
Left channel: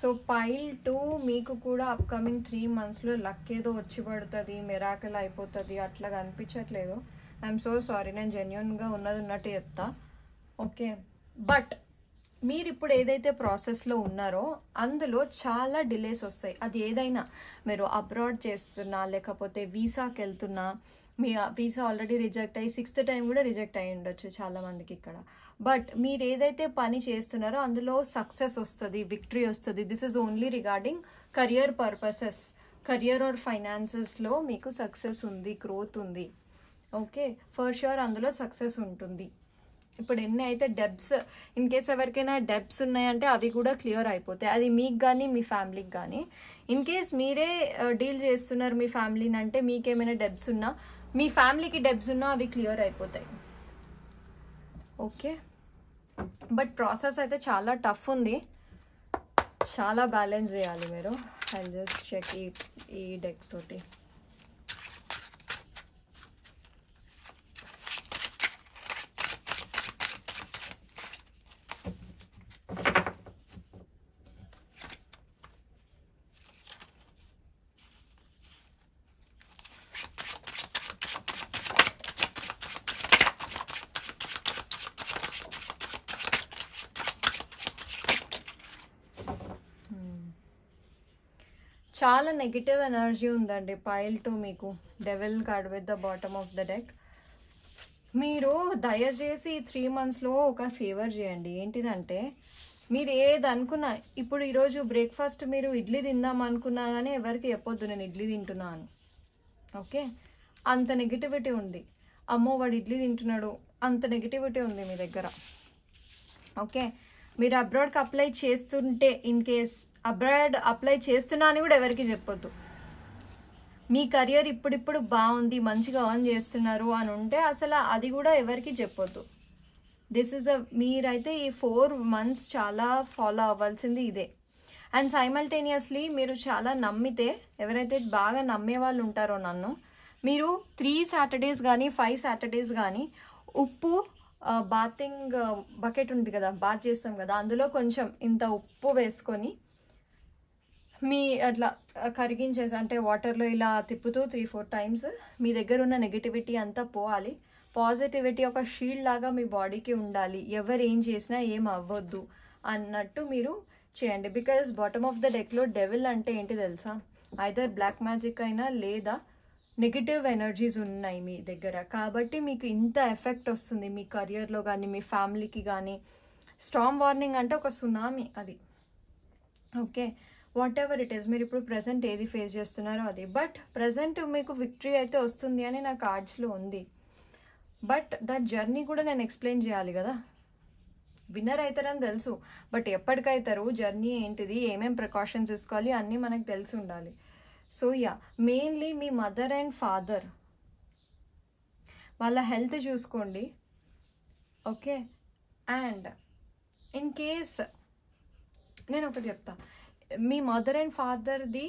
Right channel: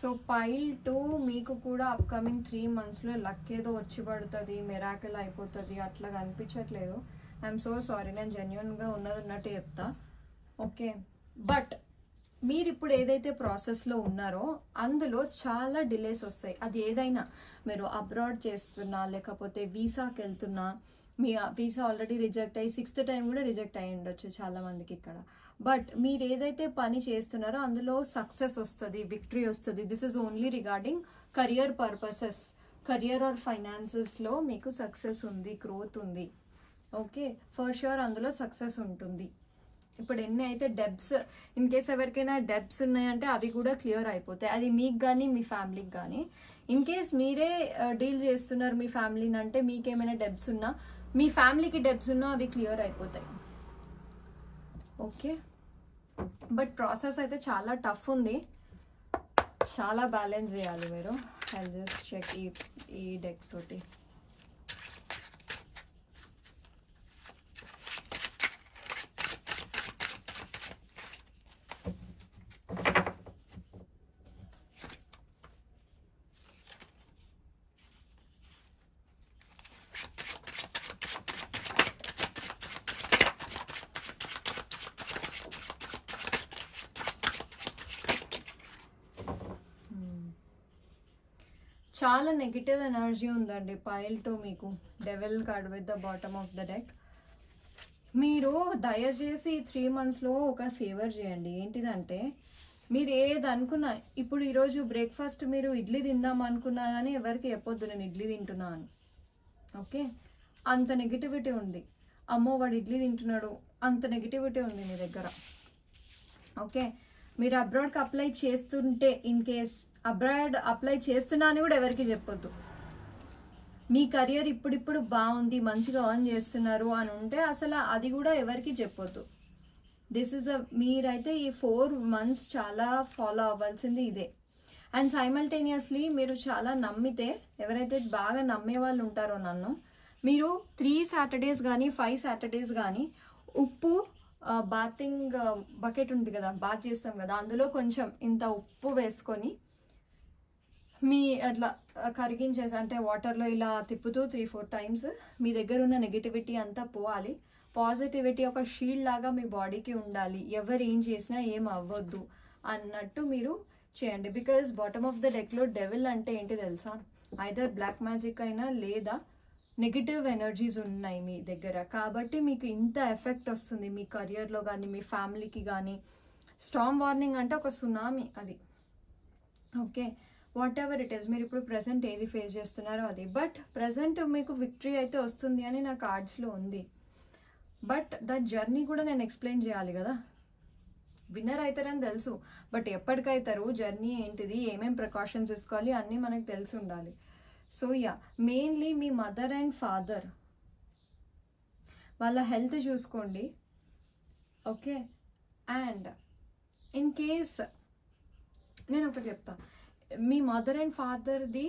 So pile 2 మీకు కూడా అప్కమింగ్ 3 monthsలో లక్ ఏదో వచ్చి పడుతుంది, మిరాకిల్ అయిపోతుంది అట్లా అనిపించట్లేదు. ఐఎమ్ సో సారీ, నేను జెన్యున్గా ఉన్నట్టు చెప్తా. ఓకే, బట్ మీరు ఇప్పుడు ఏదైతే ప్రాసెస్లో ఉన్నారో అందులో చాలా డిలేస్ వస్తాయి. అది ఏదైనా, మీరు అబ్రాడ్ చేస్తున్నా లేకపోతే వీసాకి వెళ్తున్నా, మీ వీసా ఆల్రెడీ రిజెక్ట్ అయ్యి 6th time కూడా రిజెక్ట్ అయ్యి ఉండొచ్చు చాలా మందికి ఇక్కడ. బట్ మీరు ఏదైతే పని చేస్తున్నారో అందులో సక్సెస్ వస్తుంది, విక్టరీ వస్తుంది. This is only regarding career purposes, career or ఫైనాన్సెస్లో మీకు సక్సెస్ ఉంది, గ్రోత్ ఉంది. ఓకే, ఫర్ షూర్ అందులో సక్సెస్ ఉంటుంది. ఇప్పుడు ఎన్ని అయితే డెబ్స్, ఇన్ కేస్ ఎవరికైనా డెబ్స్ ఉన్నాయంటే అవి కూడా క్లియర్ అయిపోతాయి. అది మీకు కానీ మీ ఫ్యామిలీకి కానీ. ఇన్ కేస్ మీరే డీల్ చేస్తున్నారు మీ ఫ్యామిలీని అంటే మీకేమైనా డెబ్స్ ఉన్నా, మీ ఫ్యామిలీకి డెబ్స్ ఉన్నా అవి క్లియర్ అయిపోతాయి. ఓకే, బట్ ప్రాసెస్ అయితే చాలా టఫ్ ఉంది, చాలా బ్యాలెన్స్ చేయాలి మీరు. ఐ జస్ట్ చెక్ ఈ డెక్ తోటి. చాలా నెగిటివ్ ఎనర్జీ ఉందండి పైల్ 2 మీకు. Devil card with the bottom of the deck. మీరు దయచేసి 3 monthsలో ఒక ఫేవర్ చేయండి. ఏంటిదంటే, మీరు ఏది అనుకున్నా, ఇప్పుడు ఈరోజు బ్రేక్ఫాస్ట్ మీరు ఇడ్లీ తిందాం అనుకున్నా కానీ ఎవరికి చెప్పొద్దు నేను ఇడ్లీ తింటున్నా అని. ఓకే, అంత నెగిటివిటీ ఉంది. అమ్మో వాడు ఇడ్లీ తింటున్నాడు, అంత నెగిటివిటీ ఉంది మీ దగ్గర. ఓకే, మీరు అబ్రాడ్కి అప్లై చేస్తుంటే, ఇన్ కేస్ అబ్రాడ్ అప్లై చేస్తున్నా అని కూడా ఎవరికి చెప్పొద్దు. మీ కెరియర్ ఇప్పుడిప్పుడు బాగుంది, మంచిగా ఎర్న్ చేస్తున్నారు అని ఉంటే అసలు అది కూడా ఎవరికి చెప్పొద్దు. దిస్ ఈజ్ మీరైతే ఈ 4 months చాలా ఫాలో అవ్వాల్సింది ఇదే. అండ్ సైమల్టేనియస్లీ మీరు చాలా నమ్మితే, ఎవరైతే బాగా నమ్మే వాళ్ళు ఉంటారో నన్ను, మీరు 3 Saturdays కానీ 5 Saturdays కానీ ఉప్పు, బాతింగ్ బకెట్ ఉంది కదా, బాత్ చేస్తాం కదా, అందులో కొంచెం ఇంత ఉప్పు వేసుకొని మీ అట్లా కరిగించేసి, అంటే వాటర్లో ఇలా తిప్పుతూ 3-4 times మీ దగ్గర ఉన్న నెగిటివిటీ అంతా పోవాలి. పాజిటివిటీ ఒక షీల్డ్ లాగా మీ బాడీకి ఉండాలి. ఎవరు ఏం చేసినా ఏం అవ్వద్దు అన్నట్టు మీరు చేయండి. బికాజ్ బాటమ్ ఆఫ్ ద డెక్లో డెవిల్ అంటే ఏంటి తెలుసా, ఐదర్ బ్లాక్ మ్యాజిక్ అయినా లేదా నెగిటివ్ ఎనర్జీస్ ఉన్నాయి మీ దగ్గర. కాబట్టి మీకు ఇంత ఎఫెక్ట్ వస్తుంది మీ కెరియర్లో కానీ మీ ఫ్యామిలీకి కానీ. స్టార్మ్ వార్నింగ్ అంటే ఒక సునామీ అది. Okay, what ever it is, మీరు ఇప్పుడు ప్రజెంట్ ఏది ఫేస్ చేస్తున్నారో అది. బట్ ప్రజెంట్ మీకు విక్టరీ అయితే వస్తుంది అని నా కార్డ్స్లో ఉంది. బట్ ద జర్నీ కూడా నేను ఎక్స్ప్లెయిన్ చేయాలి కదా. విన్నర్ అవుతారని తెలుసు, బట్ ఎప్పటికైతారు, జర్నీ ఏంటిది, ఏమేం ప్రికాషన్స్ తీసుకోవాలి అన్నీ మనకు తెలిసి ఉండాలి. సో యా, మెయిన్లీ మీ మదర్ అండ్ ఫాదర్ వాళ్ళ హెల్త్ చూసుకోండి. ఓకే. అండ్ ఇన్ కేస్ నేను ఒకటి చెప్తా, మీ మదర్ అండ్ ఫాదర్ది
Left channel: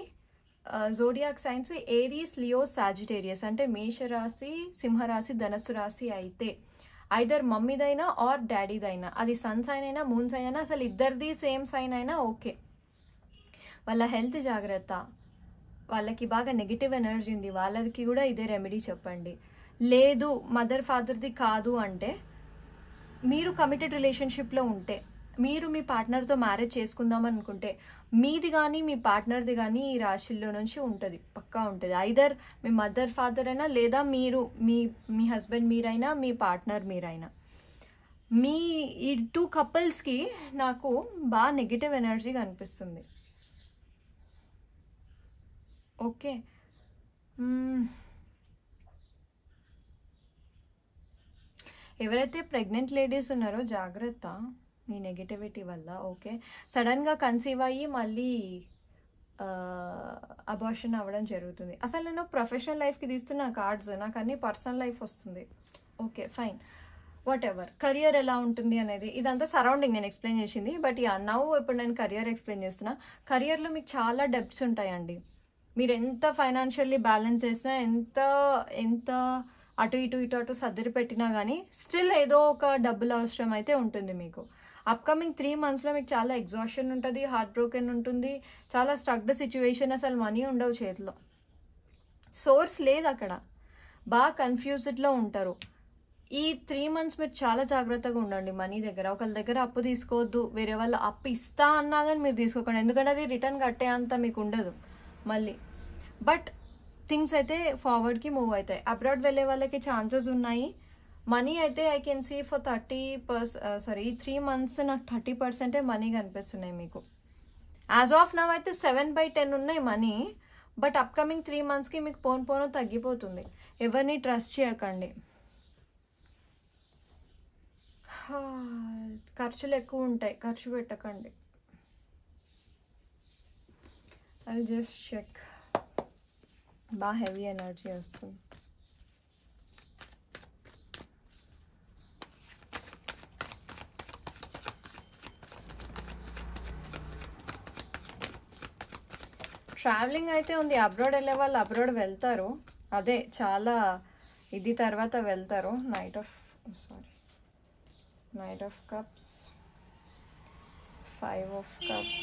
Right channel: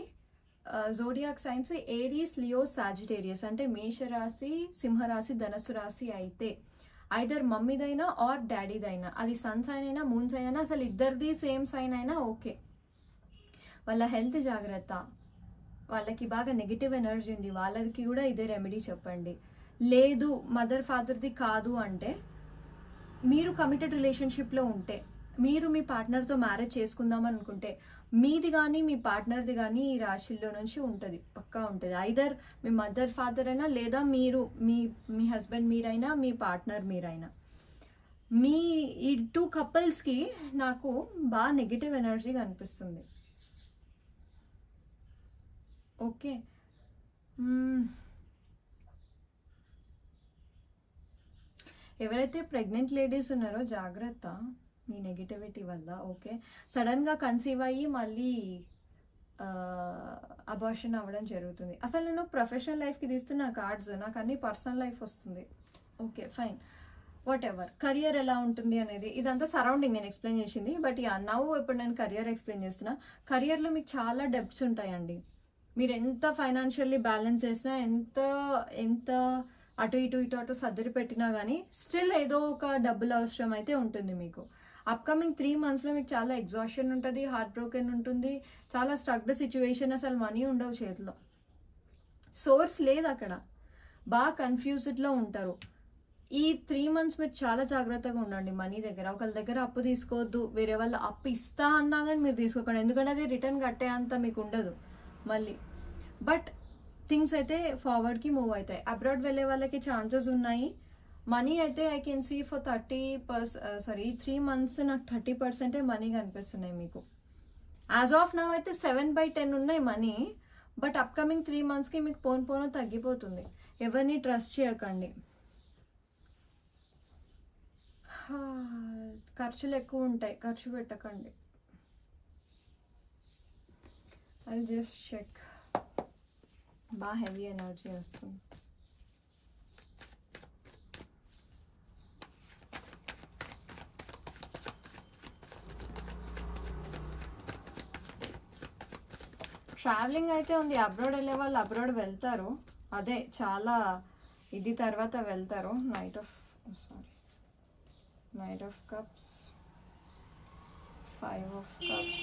zodiac signs Aries, Leo, Sagittarius అంటే మేషరాశి, సింహరాశి, ధనస్సు రాశి అయితే ఐదర్ మమ్మీదైనా ఆర్ డాడీదైనా, అది సన్ సైన్ అయినా మూన్ సైన్ అయినా, అసలు ఇద్దరిది సేమ్ సైన్ అయినా ఓకే. వాళ్ళ హెల్త్ జాగ్రత్త, వాళ్ళకి బాగా నెగిటివ్ ఎనర్జీ ఉంది, వాళ్ళకి కూడా ఇదే రెమెడీ చెప్పండి. లేదు మదర్ ఫాదర్ది కాదు అంటే, మీరు కమిటెడ్ రిలేషన్షిప్లో ఉంటే, మీరు మీ పార్ట్నర్తో మ్యారేజ్ చేసుకుందాం అనుకుంటే, మీది కానీ మీ పార్ట్నర్ది కానీ ఈ రాశిల్లో నుంచి ఉంటుంది, పక్కా ఉంటుంది. ఐదర్ మీ మదర్ ఫాదర్ అయినా, లేదా మీరు మీ హస్బెండ్ మీరైనా, మీ పార్ట్నర్ మీరైనా, మీ ఈ 2 కపుల్స్కి నాకు బాగా నెగిటివ్ ఎనర్జీ కనిపిస్తుంది. ఓకే. ఎవరైతే ప్రెగ్నెంట్ లేడీస్ ఉన్నారో జాగ్రత్త మీ నెగిటివిటీ వల్ల. ఓకే. సడన్గా కన్సీవ్ అయ్యి మళ్ళీ అబార్షన్ అవ్వడం జరుగుతుంది. అసలు నేను ప్రొఫెషనల్ లైఫ్కి తీస్తున్న కార్డ్స్, నాకు అన్ని పర్సనల్ లైఫ్ వస్తుంది. Okay fine, what ever. Career ఎలా ఉంటుంది అనేది ఇదంతా సరౌండింగ్ నేను ఎక్స్ప్లెయిన్ చేసింది. బట్ యా, నవ్వు ఇప్పుడు నేను కెరియర్ ఎక్స్ప్లెయిన్ చేస్తున్నా. కెరియర్లో మీకు చాలా డెబ్ట్స్ ఉంటాయండి. మీరు ఎంత ఫైనాన్షియల్లీ బ్యాలెన్స్ చేసినా, ఎంత అటు ఇటు సర్దిరి పెట్టినా కానీ స్టిల్ ఏదో ఒక డబ్బులు అవసరం అయితే ఉంటుంది మీకు. అప్కమింగ్ 3 monthsలో మీకు చాలా ఎగ్జాషన్ ఉంటుంది, హార్ట్ బ్రోకెన్ ఉంటుంది, చాలా స్ట్రక్డ్ సిచ్యువేషన్, అసలు మనీ ఉండవు చేతిలో, సోర్స్ లేదు అక్కడ, బాగా కన్ఫ్యూజ్డ్లో ఉంటారు. ఈ 3 months మీరు చాలా జాగ్రత్తగా ఉండండి మనీ దగ్గర. ఒకళ్ళ దగ్గర అప్పు తీసుకోవద్దు, వేరే వాళ్ళు అప్పు ఇస్తా అన్నా కానీ మీరు తీసుకోకండి, ఎందుకంటే అది రిటర్న్ కట్టే అంత మీకు ఉండదు మళ్ళీ. బట్ థింగ్స్ అయితే ఫార్వర్డ్కి మూవ్ అవుతాయి. అబ్రాడ్ వెళ్ళే వాళ్ళకి ఛాన్సెస్ ఉన్నాయి. మనీ అయితే ఐ కెన్ సీ ఫర్ 30%, ఈ 3 months నాకు 30% మనీ కనిపిస్తున్నాయి మీకు. యాజ్ ఆఫ్ నవ్ అయితే 7/10 ఉన్నాయి మనీ. బట్ అప్కమింగ్ 3 monthsకి మీకు పోను తగ్గిపోతుంది. ఎవరిని ట్రస్ట్ చేయకండి. ఖర్చులు ఎక్కువ ఉంటాయి, ఖర్చు పెట్టకండి. I just check. బాగా హెవీ ఎనర్జీ వస్తుంది. ట్రావెలింగ్ అయితే ఉంది. అబ్రాడ్ వెళ్ళే వాళ్ళు అబ్రాడ్ వెళ్తారు, అదే చాలా ఇది తర్వాత వెళ్తారు. Knight of cups, 5 of cups,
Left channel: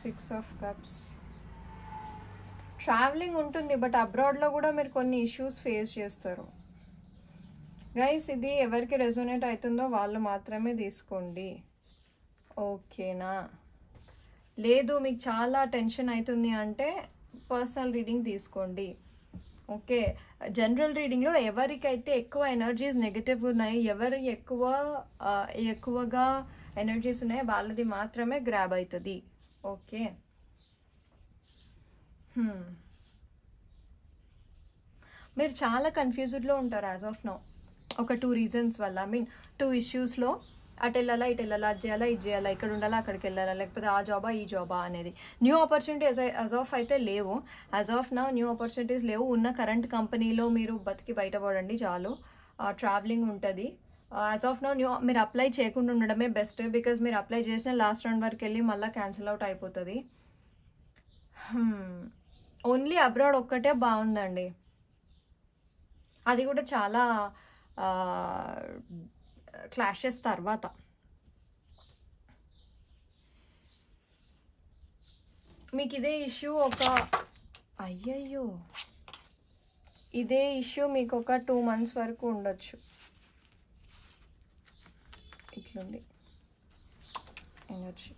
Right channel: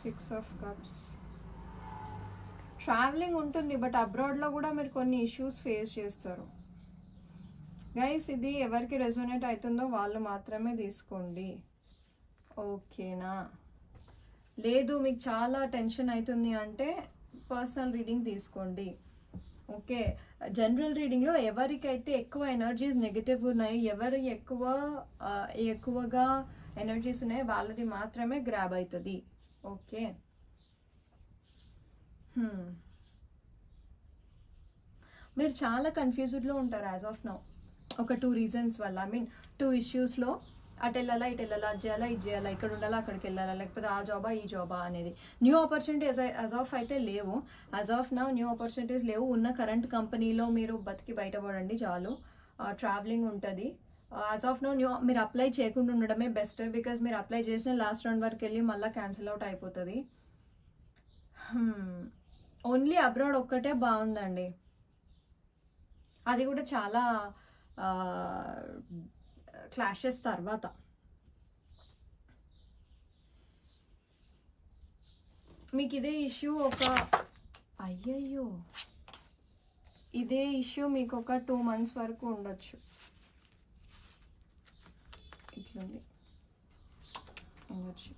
6 of cups. Travelling ఉంటుంది, బట్ అబ్రాడ్లో కూడా మీరు కొన్ని ఇష్యూస్ ఫేస్ చేస్తారు. గైస్ ఇది ఎవరికి రెజోనేట్ అవుతుందో వాళ్ళు మాత్రమే తీసుకోండి, ఓకేనా? లేదు మీకు చాలా టెన్షన్ అవుతుంది అంటే పర్సనల్ రీడింగ్ తీసుకోండి. ఓకే. జనరల్ రీడింగ్లో ఎవరికైతే ఎక్కువ ఎనర్జీస్ నెగిటివ్ ఉన్నాయి, ఎవరు ఎక్కువగా ఎనర్జీస్ ఉన్నాయో వాళ్ళది మాత్రమే గ్రాబ్ అవుతుంది. ఓకే. మీరు చాలా కన్ఫ్యూజ్డ్లో ఉంటారు యాజ్ ఆఫ్ నౌ, ఒక 2 reasons వల్ల. ఐ మీన్ 2 issuesలో అటు వెళ్ళాలా, ఇటు వెళ్ళాలా, అది చేయాలా, ఇది చేయాలా, ఇక్కడ ఉండాలా, అక్కడికి వెళ్ళాలా, లేకపోతే ఆ జాబా ఈ జాబా అనేది. న్యూ ఆపర్చునిటీస్ యాజ్ ఆఫ్ అయితే లేవు. As of now new opportunities లేవు. ఉన్న కరెంట్ కంపెనీలో మీరు బతికి బయటపడండి చాలు. ట్రావెలింగ్ ఉంటుంది. యాజ్ ఆఫ్ నౌ మీరు అప్లై చేయకుండా ఉండడమే బెస్ట్. బికాజ్ మీరు అప్లై చేసిన లాస్ట్ రౌండ్ వరకు వెళ్ళి మళ్ళీ క్యాన్సిల్ అవుట్ అయిపోతుంది. ఓన్లీ అబ్రాడ్ ఒక్కటే బాగుందండి, అది కూడా చాలా క్లాషెస్ తర్వాత. మీకు ఇదే ఇష్యూ ఇదే ఇష్యూ మీకు ఒక 2 months వరకు ఉండొచ్చు. ఇట్లుంది ఎనర్జీ.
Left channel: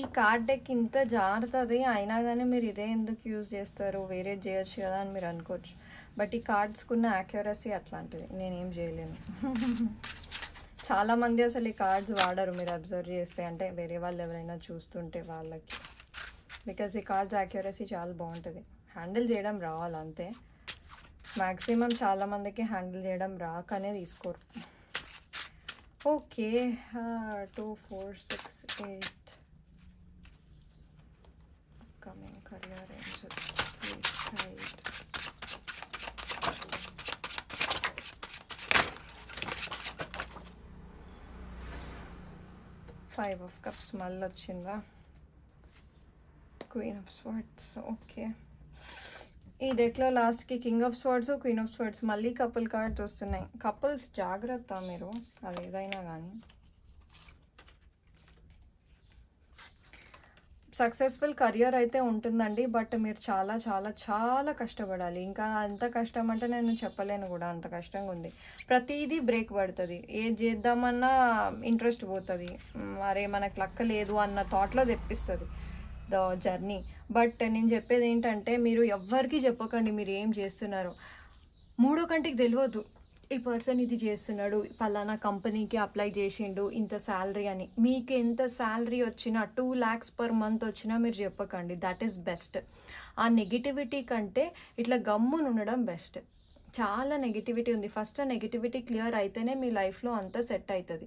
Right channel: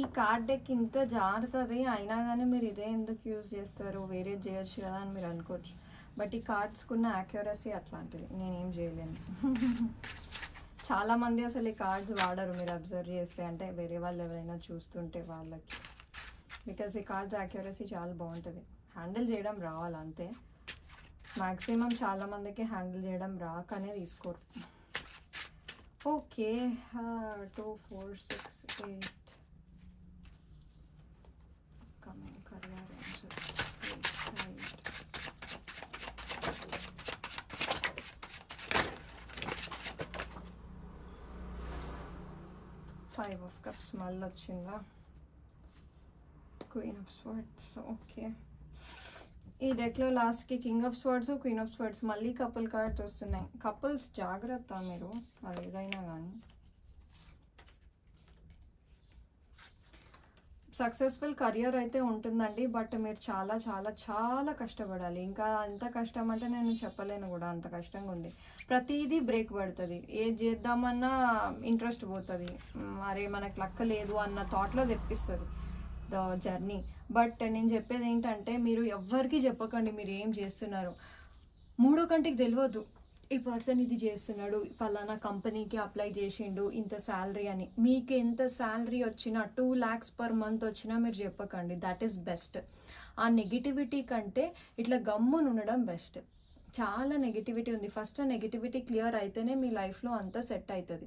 ఈ కార్డ్ డెక్ ఇంత జారుతుంది అయినా కానీ మీరు ఇదే ఎందుకు యూజ్ చేస్తారు, వేరే చేయొచ్చు కదా అని మీరు అనుకోవచ్చు. బట్ ఈ కార్డ్స్కున్న యాక్యురసీ అట్లాంటిది, నేనేం చేయలేను. చాలామంది అసలు ఈ కార్డ్స్ వాడరు, మీరు అబ్జర్వ్ చేస్తే, అంటే వేరే వాళ్ళు ఎవరైనా చూస్తుంటే వాళ్ళకి. బికాజ్ ఈ కార్డ్స్ యాక్యురసీ చాలా బాగుంటుంది. హ్యాండిల్ చేయడం రావాలి అంతే. మ్యాక్సిమం చాలామందికి హ్యాండిల్ చేయడం రాకనే తీసుకోరు. Okay, 2 4 6 8 coming career angels, please guide. 5 of cups మళ్ళీ వచ్చిందా? Queen of swords. ఓకే, ఈ డెక్లో లాస్ట్కి king of swords, queen of swords, మళ్ళీ కపుల్ కార్డ్స్ వస్తున్నాయి. కపుల్స్ జాగ్రత్త మీరు, అది ఏదైనా కానీ. సక్సెస్ఫుల్ కెరియర్ అయితే ఉంటుందండి, బట్ మీరు చాలా చాలా చాలా కష్టపడాలి. ఇంకా అంత కష్టం అంటే నేను చెప్పలేను కూడా, అంత కష్టంగా ఉంది. ప్రతిదీ బ్రేక్ పడుతుంది, ఏది చేద్దామన్నా ఇంట్రెస్ట్ పోతుంది, అరే మనకు లక్క లేదు అన్న థాట్లో తెప్పిస్తుంది ద జర్నీ. బట్ నేను చెప్పేది ఏంటంటే, మీరు ఎవ్వరికి చెప్పకండి మీరు ఏం చేస్తున్నారు. మూడో కంటికి తెలియదు ఈ పర్సన్ ఇది చేస్తున్నాడు, పలానా కంపెనీకి అప్లై చేసిండు, ఇంత శాలరీ అని. మీకు ఎంత శాలరీ వచ్చినా 2 lakhs per month వచ్చినా మీరు చెప్పకండి, దట్ ఈస్ బెస్ట్. ఆ నెగిటివిటీ కంటే ఇట్లా గమ్మున ఉండడం బెస్ట్. చాలా నెగిటివిటీ ఉంది, ఫస్ట్ ఆ నెగిటివిటీ క్లియర్ అయితేనే మీ లైఫ్లో అంతా సెట్ అవుతుంది.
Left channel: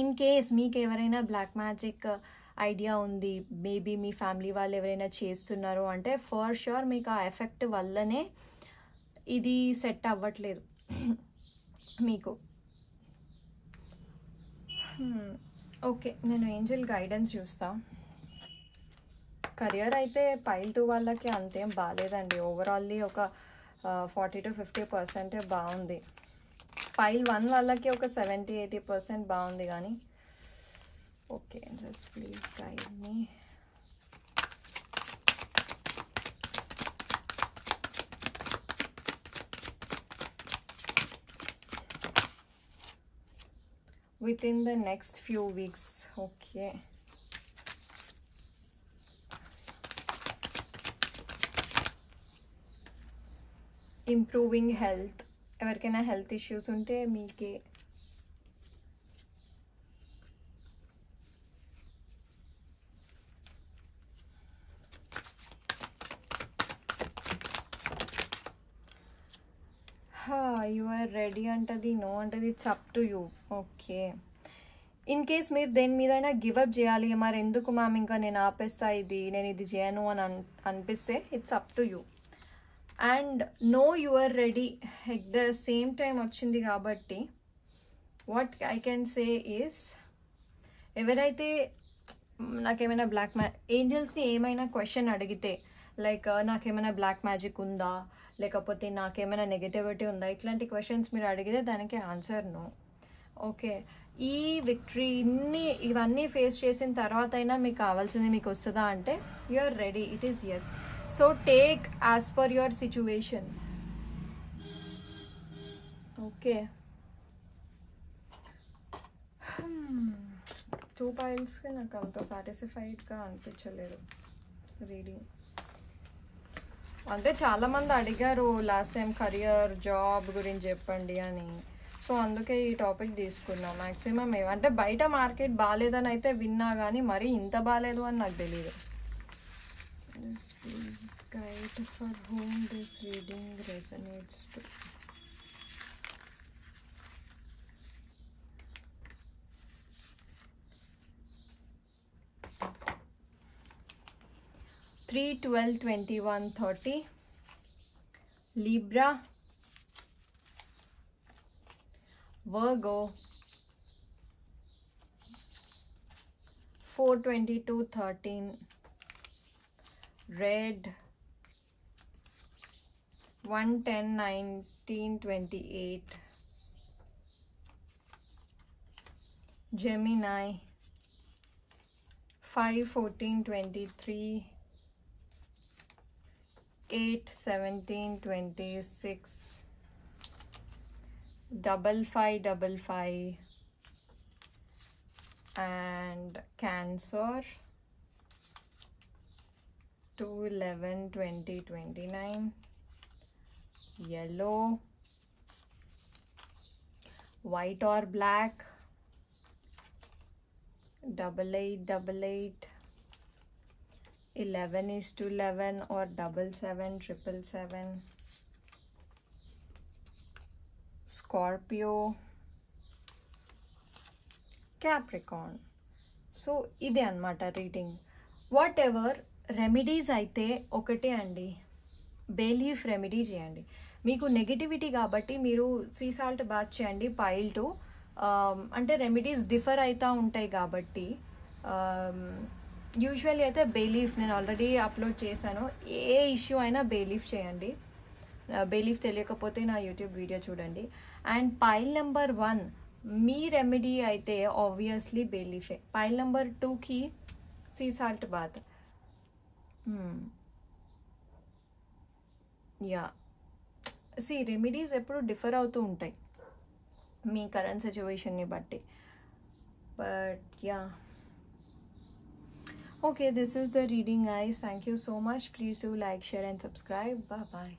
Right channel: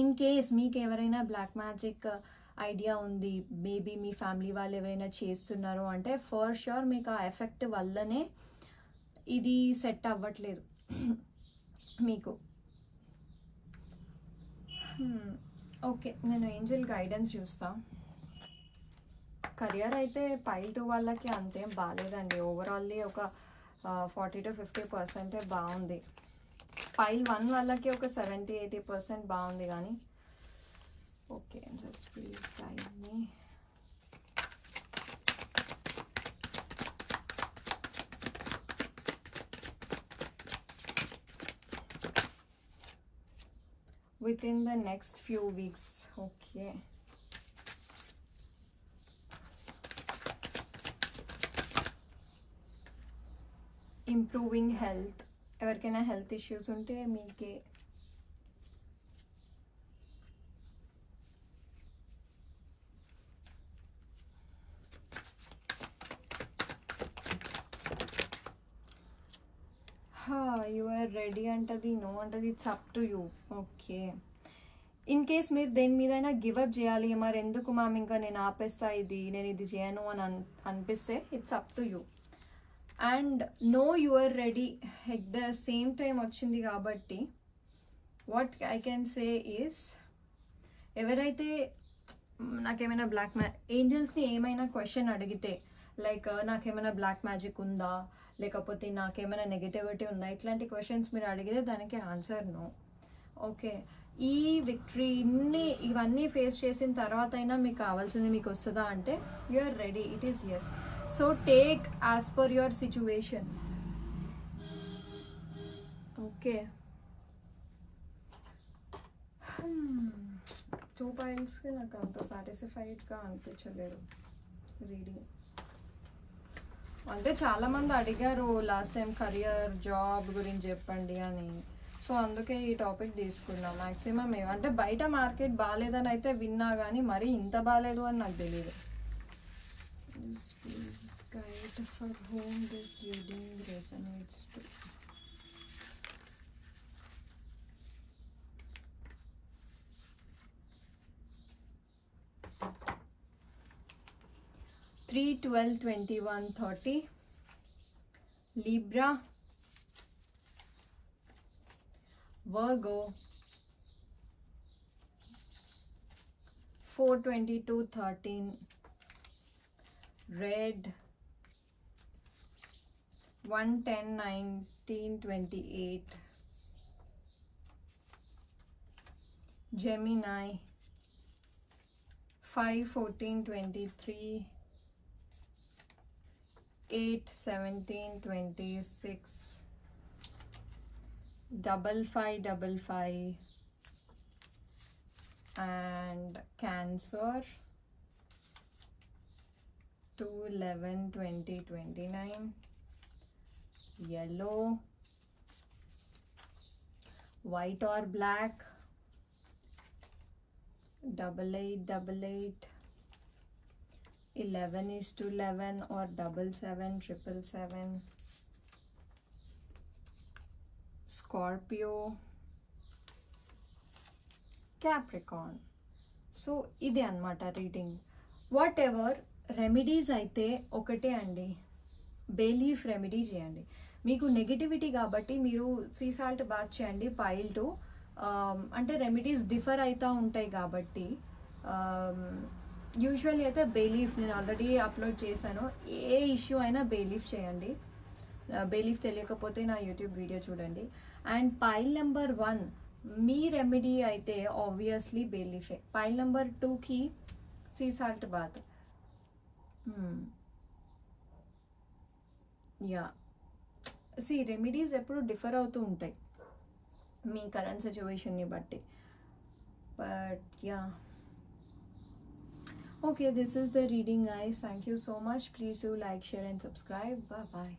ఇన్ కేస్ మీకు ఎవరైనా బ్లాక్ మ్యాజిక్ ఐడియా ఉంది, మేబీ మీ ఫ్యామిలీ వాళ్ళు ఎవరైనా చేస్తున్నారు అంటే ఫర్ ష్యూర్ మీకు ఆ ఎఫెక్ట్ వల్లనే ఇది సెట్ అవ్వట్లేదు మీకు. ఓకే, నేను ఏంజెల్ గైడెన్స్ చూస్తా. కెరియర్ అయితే పైల్ 2 వాళ్ళకి అంతేం బాగాలేదండి, ఓవరాల్లీ ఒక 40 to 50% బాగుంది. పైల్ 1 వాళ్ళకి ఒక 70-80% బాగుంది కానీ. Okay, just please guide me. Within the next few weeks. Okay. Improving health. ఎవరికైనా హెల్త్ ఇష్యూస్ ఉంటే మీకే. యు ఆర్ రెడీ అంటది, నో అంటది, it's up to you. Okay, in case మీరు దేని మీదైనా గివప్ చేయాలి, మరి ఎందుకు మ్యామ్ ఇంకా నేను ఆపేస్తా, నేను ఇది చేయను అని అనిపిస్తే it's up to you. And no you are ready at the same time వచ్చింది కాబట్టి what I can say is, ఎవరైతే నాకేమైనా బ్లాక్ ఏంజల్స్ని ఏమైనా క్వశ్చన్ అడిగితే, లైక్ నాకేమైనా బ్లాక్ మ్యాజిక్ ఉందా, లేకపోతే నాకేమైనా నెగటివిటీ ఉందా, ఇట్లాంటి క్వశ్చన్స్ మీరు అడిగితే దానికి ఆన్సర్ నో. ఓకే, ఈ విక్టరీ ఇవన్నీ ఫేస్ చేసిన తర్వాత అయినా మీకు కావాల్సింది మీకు వస్తుందా అంటే you are ready, it is yes. So take as per your situation. Okay, 2 piles నాకు అంత సాటిస్ఫైడ్గా అనిపించలేదు రీడింగ్. అంటే చాలామంది అడిగారు లాస్ట్ టైం కెరియర్ జాబ్ గురించి చెప్పండి అని, సో అందుకే ఈ టాపిక్ తీసుకున్నా. మ్యాక్సిమం అంటే బయట మార్కెట్ బాగాలేదని అయితే విన్నా కానీ మరీ ఇంత బాగాలేదు అని నాకు తెలియదు. Please guide for home this reading resonates to. Three 12 21 30 Libra, Virgo, 4 22 13 Red, 1 10 19 28 Gemini, 5 14 23 8 17 26 5 5 5 5 and Cancer 2/11/2029, yellow, white or black, 8888, 11:11 or 777777, Scorpio, Capricorn. So ఇదే అన్నమాట రీడింగ్. వాట్ ఎవర్ రెమెడీస్ అయితే ఒకటే అండి, బే లీఫ్ రెమెడీ చేయండి. మీకు నెగిటివిటీ కాబట్టి మీరు సీ సాల్ట్ బాత్ చేయండి. పైల్ 2 అంటే రెమెడీస్ డిఫర్ అవుతూ ఉంటాయి కాబట్టి యూజువల్లీ అయితే బే లీఫ్ నేను ఆల్రెడీ అప్లోడ్ చేశాను. ఏ ఇష్యూ అయినా బే లీఫ్ చేయండి. బే లీఫ్ తెలియకపోతే నా యూట్యూబ్ వీడియో చూడండి. అండ్ పైల్ నెంబర్ 1 మీ రెమెడీ అయితే ఆబ్వియస్లీ బే లీఫే. పైల్ నెంబర్ 2కి సీ సాల్ట్ బాత్. యా, సి రెమెడీస్ ఎప్పుడు డిఫర్ అవుతూ ఉంటాయి మీ కరెంట్ సిచ్యువేషన్ని బట్టి. But yeah, okay, this is the reading guys. Thank you so much. Please do like, share and subscribe. Bye bye.